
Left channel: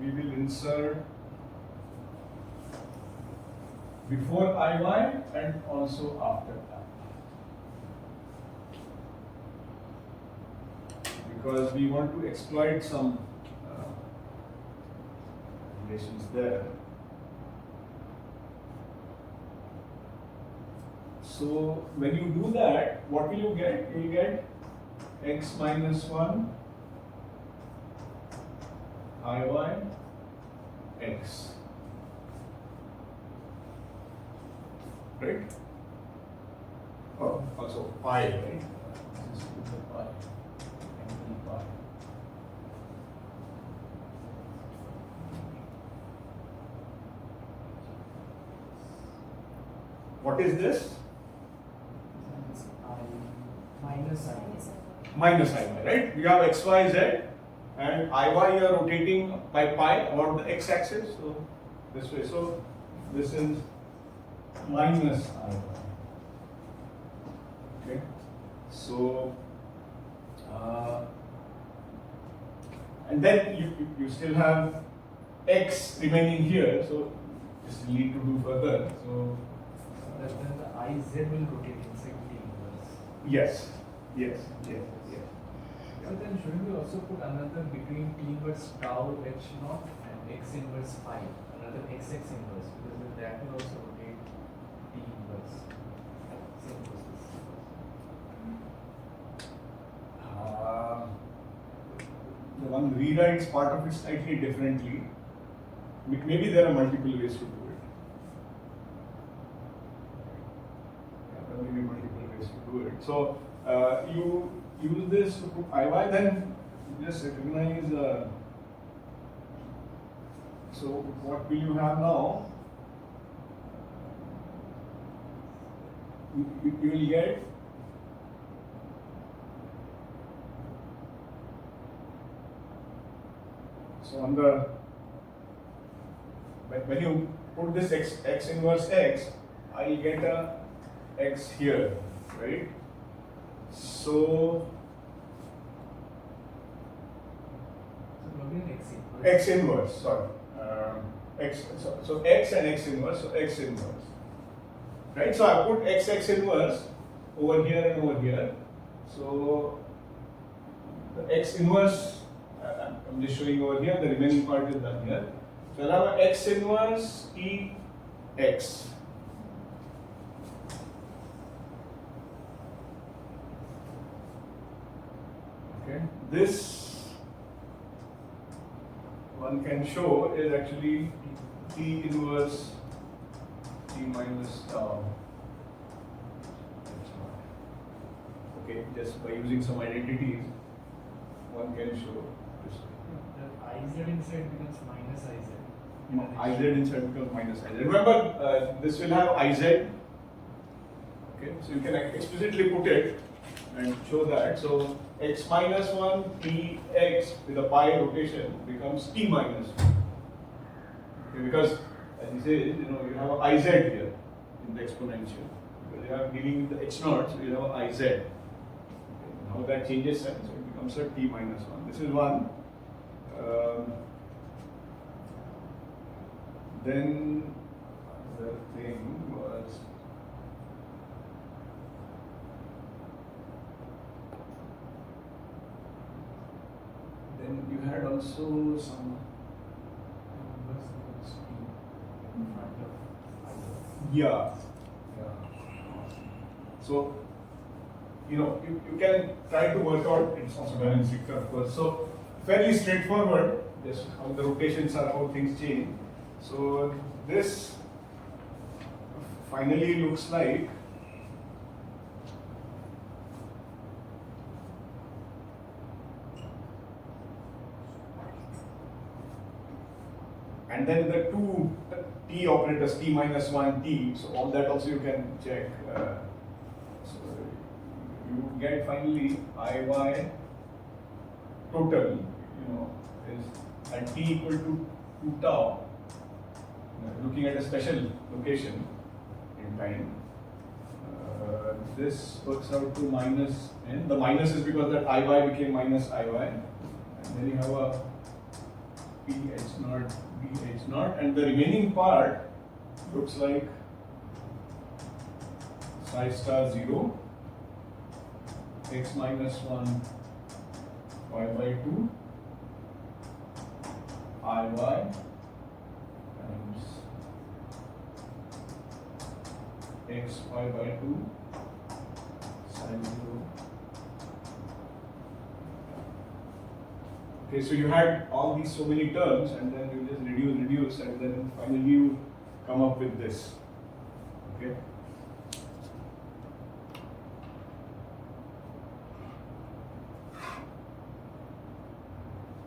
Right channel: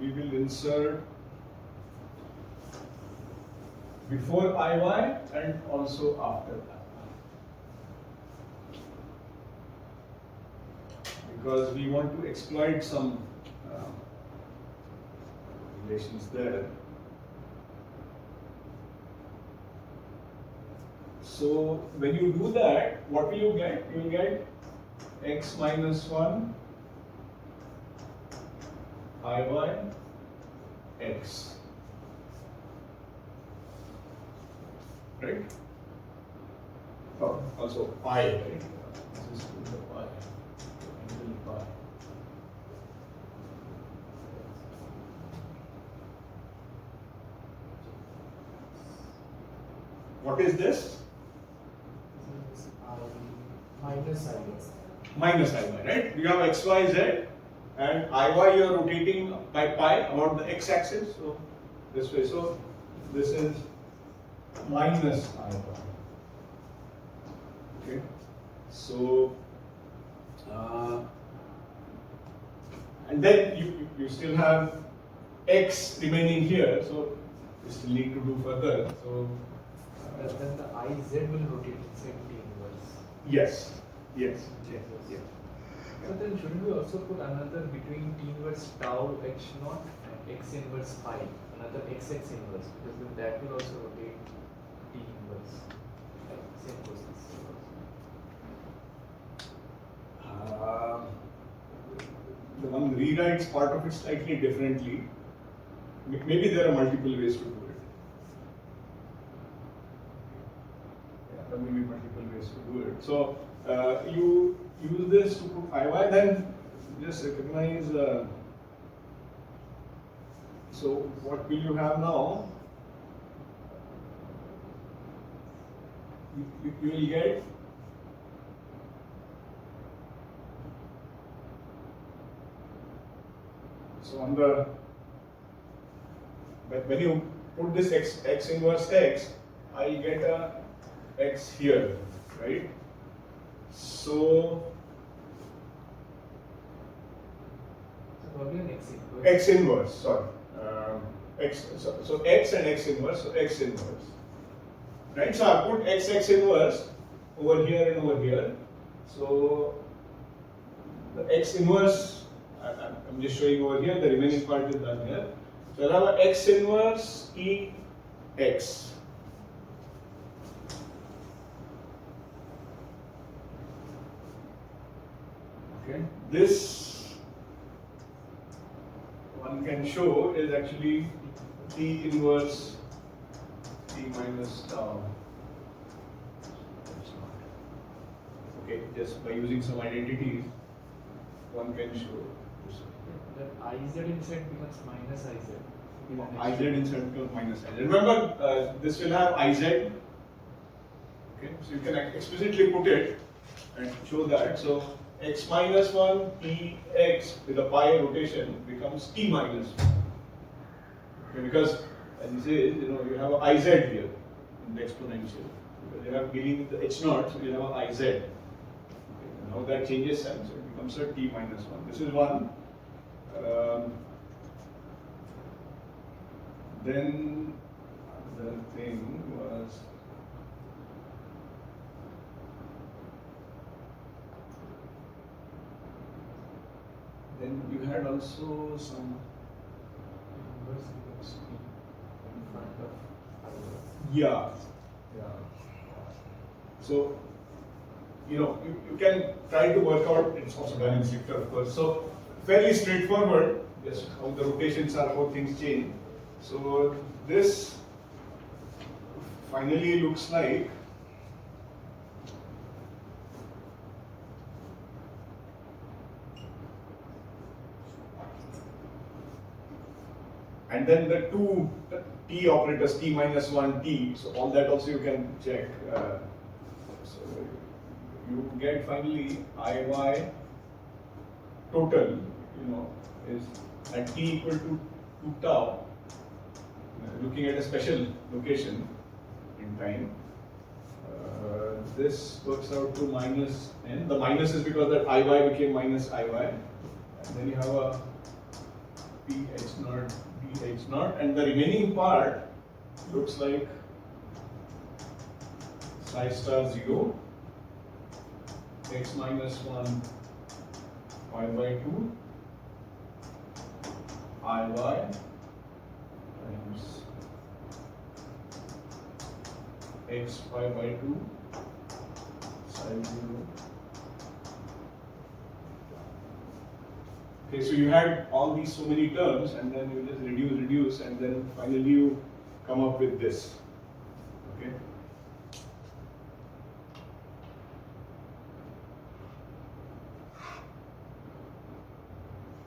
we will insert before IY and also after IY, because we want to exploit some relations there. So when you do that, what will you get? You will get x minus 1 IY x. Right? Oh, also pi, right? This is the pi, angle pi. What is this? Minus IY, right? We have x, y, z, and IY you are rotating by pi about the x axis, so this way. So this is minus IY. Okay, so and then you still have x remaining here, so you still need to do further. So then the IZ will rotate inside T inverse. yes. So then shouldn't we also put another between T inverse tau h naught and x inverse phi, another xx inverse, because then that will also rotate T inverse. Same process. The one rewrites part of it slightly differently. Maybe there are multiple ways to do it. Yeah, there may be multiple ways to do it. So you use this to put IY, then just recognize. So what will you have now? You will get so on the when you put this x inverse x, I get a x here, right? So probably an x inverse. X inverse, sorry. So x and x inverse, so x inverse. Right? So I put x inverse over here and over here. So the x inverse, I'm just showing over here, the remaining part is done here. So I have a x inverse T x. Okay, this one can show is actually T inverse T minus tau. Okay, just by using some identities, one can show this. That IZ inside becomes minus IZ. No, IZ inside becomes minus IZ. Remember, this will have IZ. Okay, so you can explicitly put it and show that. So x minus 1 T x with a pi rotation becomes T minus 1. Okay, because as he says, you have a IZ here in the exponential. because you are dealing with the h naught, so you have a iz. Okay. Now that changes sign, so it becomes a t minus 1. This is one. Then the thing was then you had also some Inverse becomes t in front of yeah. So you can try to work out, it's also done in Stricter of course. So fairly straightforward, just how the rotations are, how things change. So this finally looks like and then the two t operators, t minus 1 t, so all that also you can check. So you get finally Iy total, is at t equal to 2 tau, looking at a special location in time. This works out to minus n. The minus is because that Iy became minus Iy, and then you have a ph naught, bh naught, and the remaining part looks like psi star 0, x minus 1 pi by 2 Iy times x pi by 2 psi 0. Okay, so you had all these so many terms, and then you just reduce, and then finally you come up with this. Okay.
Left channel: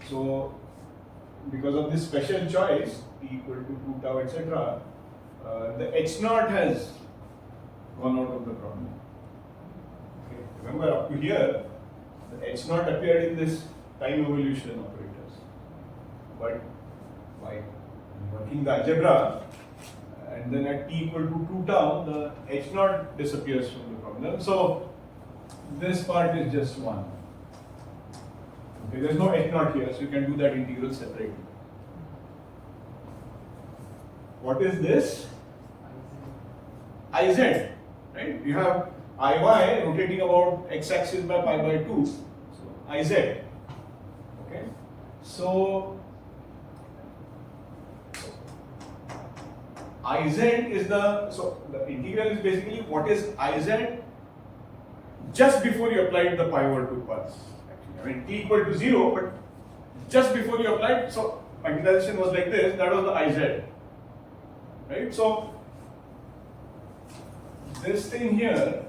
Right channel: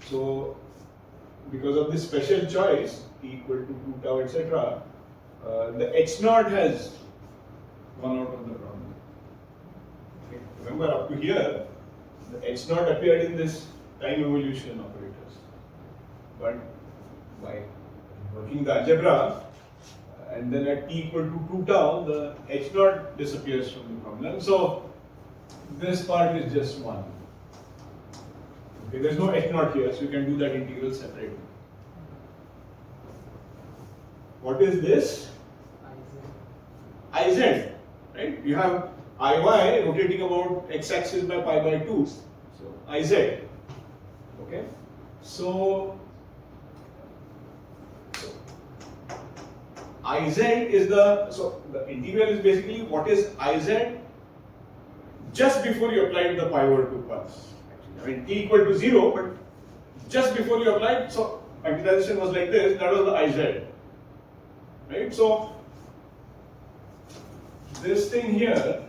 So, because of this special choice, e equal to 2 tau, etc., the h naught has gone out of the problem. Okay. Remember, up to here, the h naught appeared in this time evolution operators, but by working the algebra, and then at t equal to 2 tau, the h naught disappears from the problem. So this part is just 1. Okay, there's no h naught here, so you can do that integral separately. What is this? Iz, right? You have Iy rotating about x-axis by pi by 2, so Iz. Okay, so Iz is the integral is basically what is Iz just before you applied the pi over 2 pulse. Actually, I mean t equal to 0, but just before you applied, so magnetization was like this, that was the Iz. Right? So this thing here,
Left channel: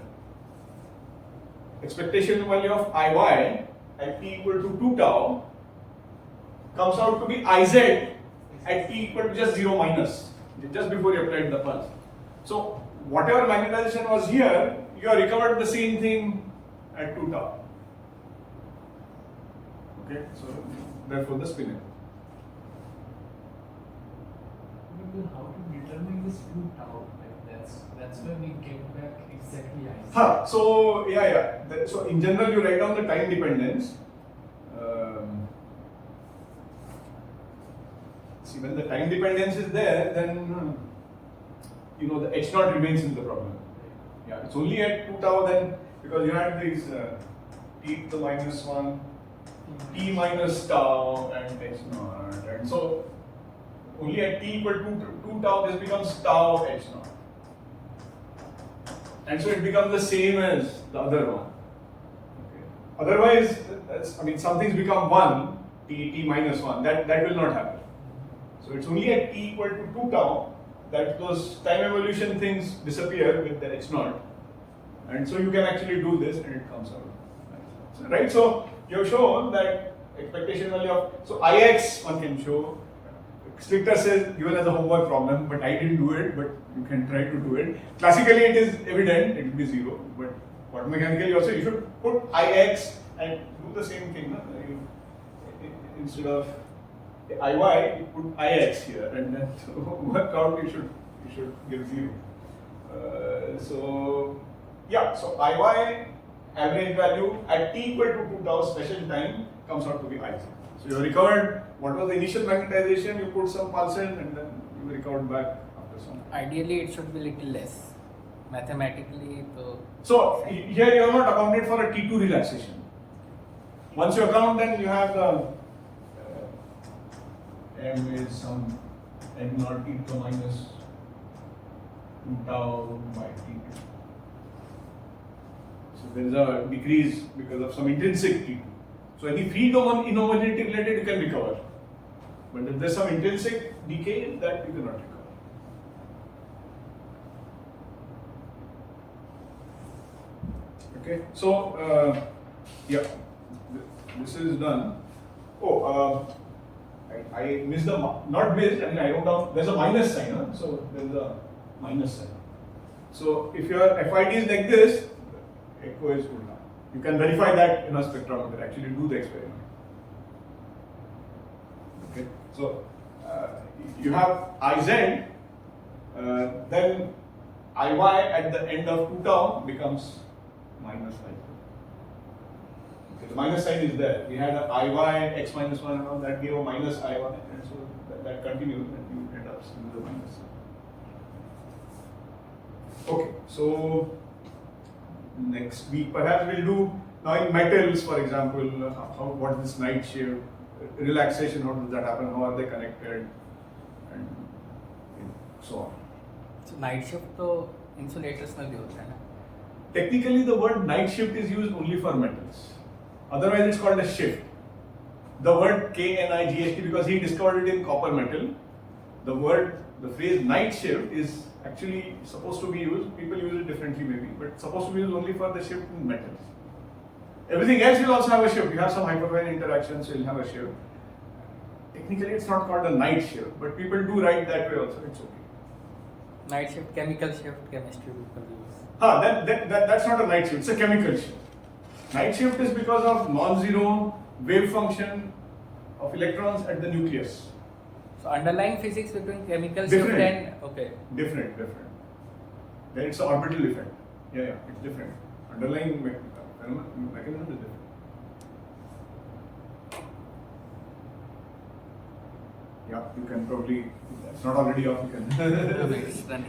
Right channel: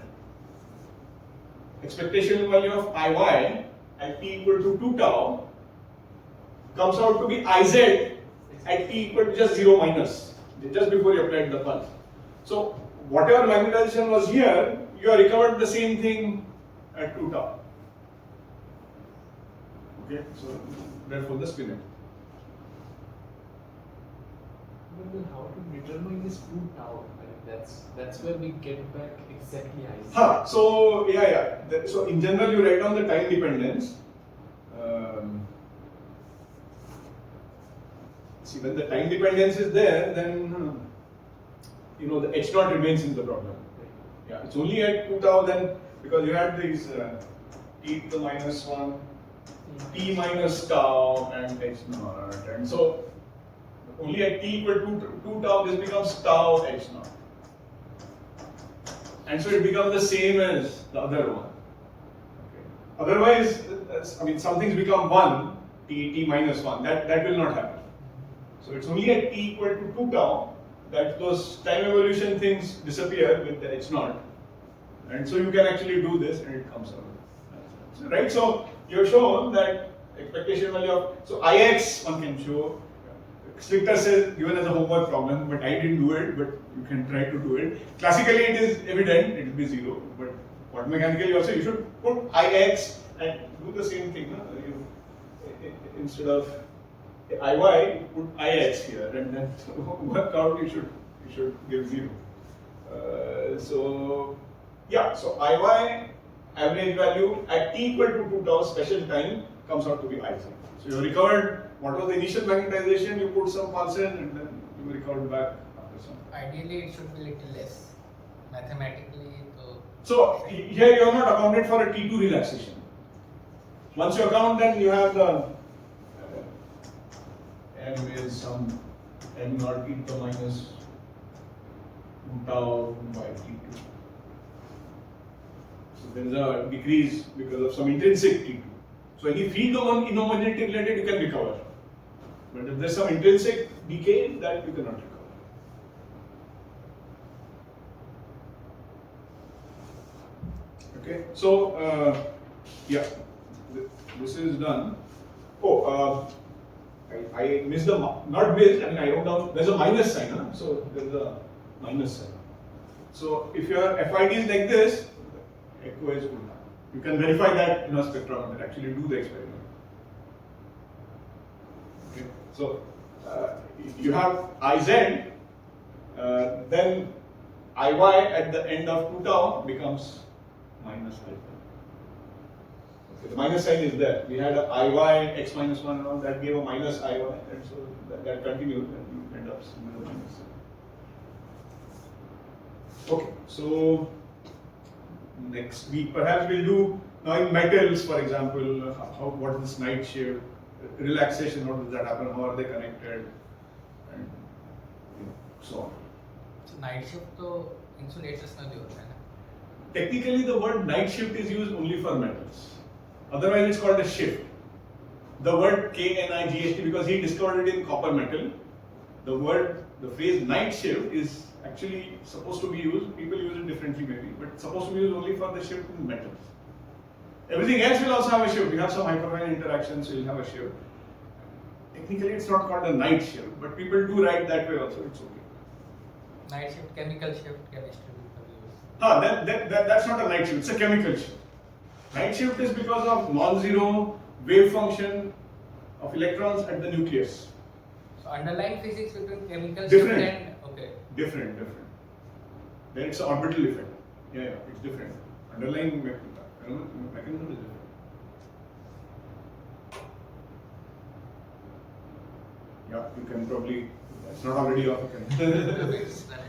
expectation value of Iy at t equal to 2 tau comes out to be Iz at t equal to just 0 minus, just before you applied the pulse. So whatever magnetization was here, you have recovered the same thing at 2 tau. Okay, so therefore the spin. How to determine this 2 tau? Like that's where we get back exactly Iz. So so in general you write down the time dependence. See, when the time dependence is there, then the h naught remains in the problem. Yeah, it's only at 2 tau then, because you had these t to the minus 1, t minus tau, and h naught, and so only at t equal to 2 tau this becomes tau h naught, and so it becomes the same as the other one. Okay. Otherwise, some things become 1, t minus 1, that will not happen. So it's only at t equal to 2 tau that those time evolution things disappear with the h naught, and so you can actually do this and it comes out. Right? So you have shown that expectation value of, so Ix one can show. Stricter says given as a homework problem, but I didn't do it, but you can try to do it. Classically it is evident, it will be 0, but quantum mechanically also you should put Ix and do the same thing. No? Instead of Iy, put Ix here, and then work out you should give 0. So yeah, so Iy average value at t equal to 2 tau special time comes out to be Iz. So you recovered what was the initial magnetization, you put some pulse in, and then you recovered back after some. Ideally, it should be little less. Mathematically, So here you have not accounted for a T2 relaxation. Once you account, then you have the M is some M naught e to minus 2 tau by T2. So there is a decrease because of some intrinsic T2. So any field inhomogeneity related you can recover. But if there is some intrinsic decay, that you cannot recover. Okay, so yeah, this is done. Oh, I missed the, not missed, I mean I wrote down, there's a minus sign, huh? So there's a minus sign. So if your FID is like this, echo is good now. You can verify that in a spectrometer, actually do the experiment. Okay, so you have Iz, then Iy at the end of 2 tau becomes minus I. Okay, the minus sign is there. We had a Iy, x minus 1 and all that gave a minus Iy, and so that continues and you end up with a minus. Okay, so next week perhaps we'll do now in metals, for example, what is this night shift, relaxation, how does that happen, how are they connected, and so on. so night shift तो insulators में भी होता है ना? Technically, the word night shift is used only for metals. Otherwise, it's called a shift. The word KNIGHT, because he discovered it in copper metal, the phrase night shift is actually supposed to be used, people use it differently maybe, but it's supposed to be used only for the shift in metals. Everything else will also have a shift. You have some hyperfine interactions, so you'll have a shift. Technically, it's not called a night shift, but people do write that way also, it's okay. Night shift, chemical shift, chemistry people use. That's not a night shift, it's a chemical shift. Night shift is because of non-zero wave function of electrons at the nucleus. So underlying physics between chemical Different. shift and okay. Different. Then it's an orbital effect. Yeah, it's different. Underlying mechanism is different. Yeah, you can probably, it's not already off, you can. It's done.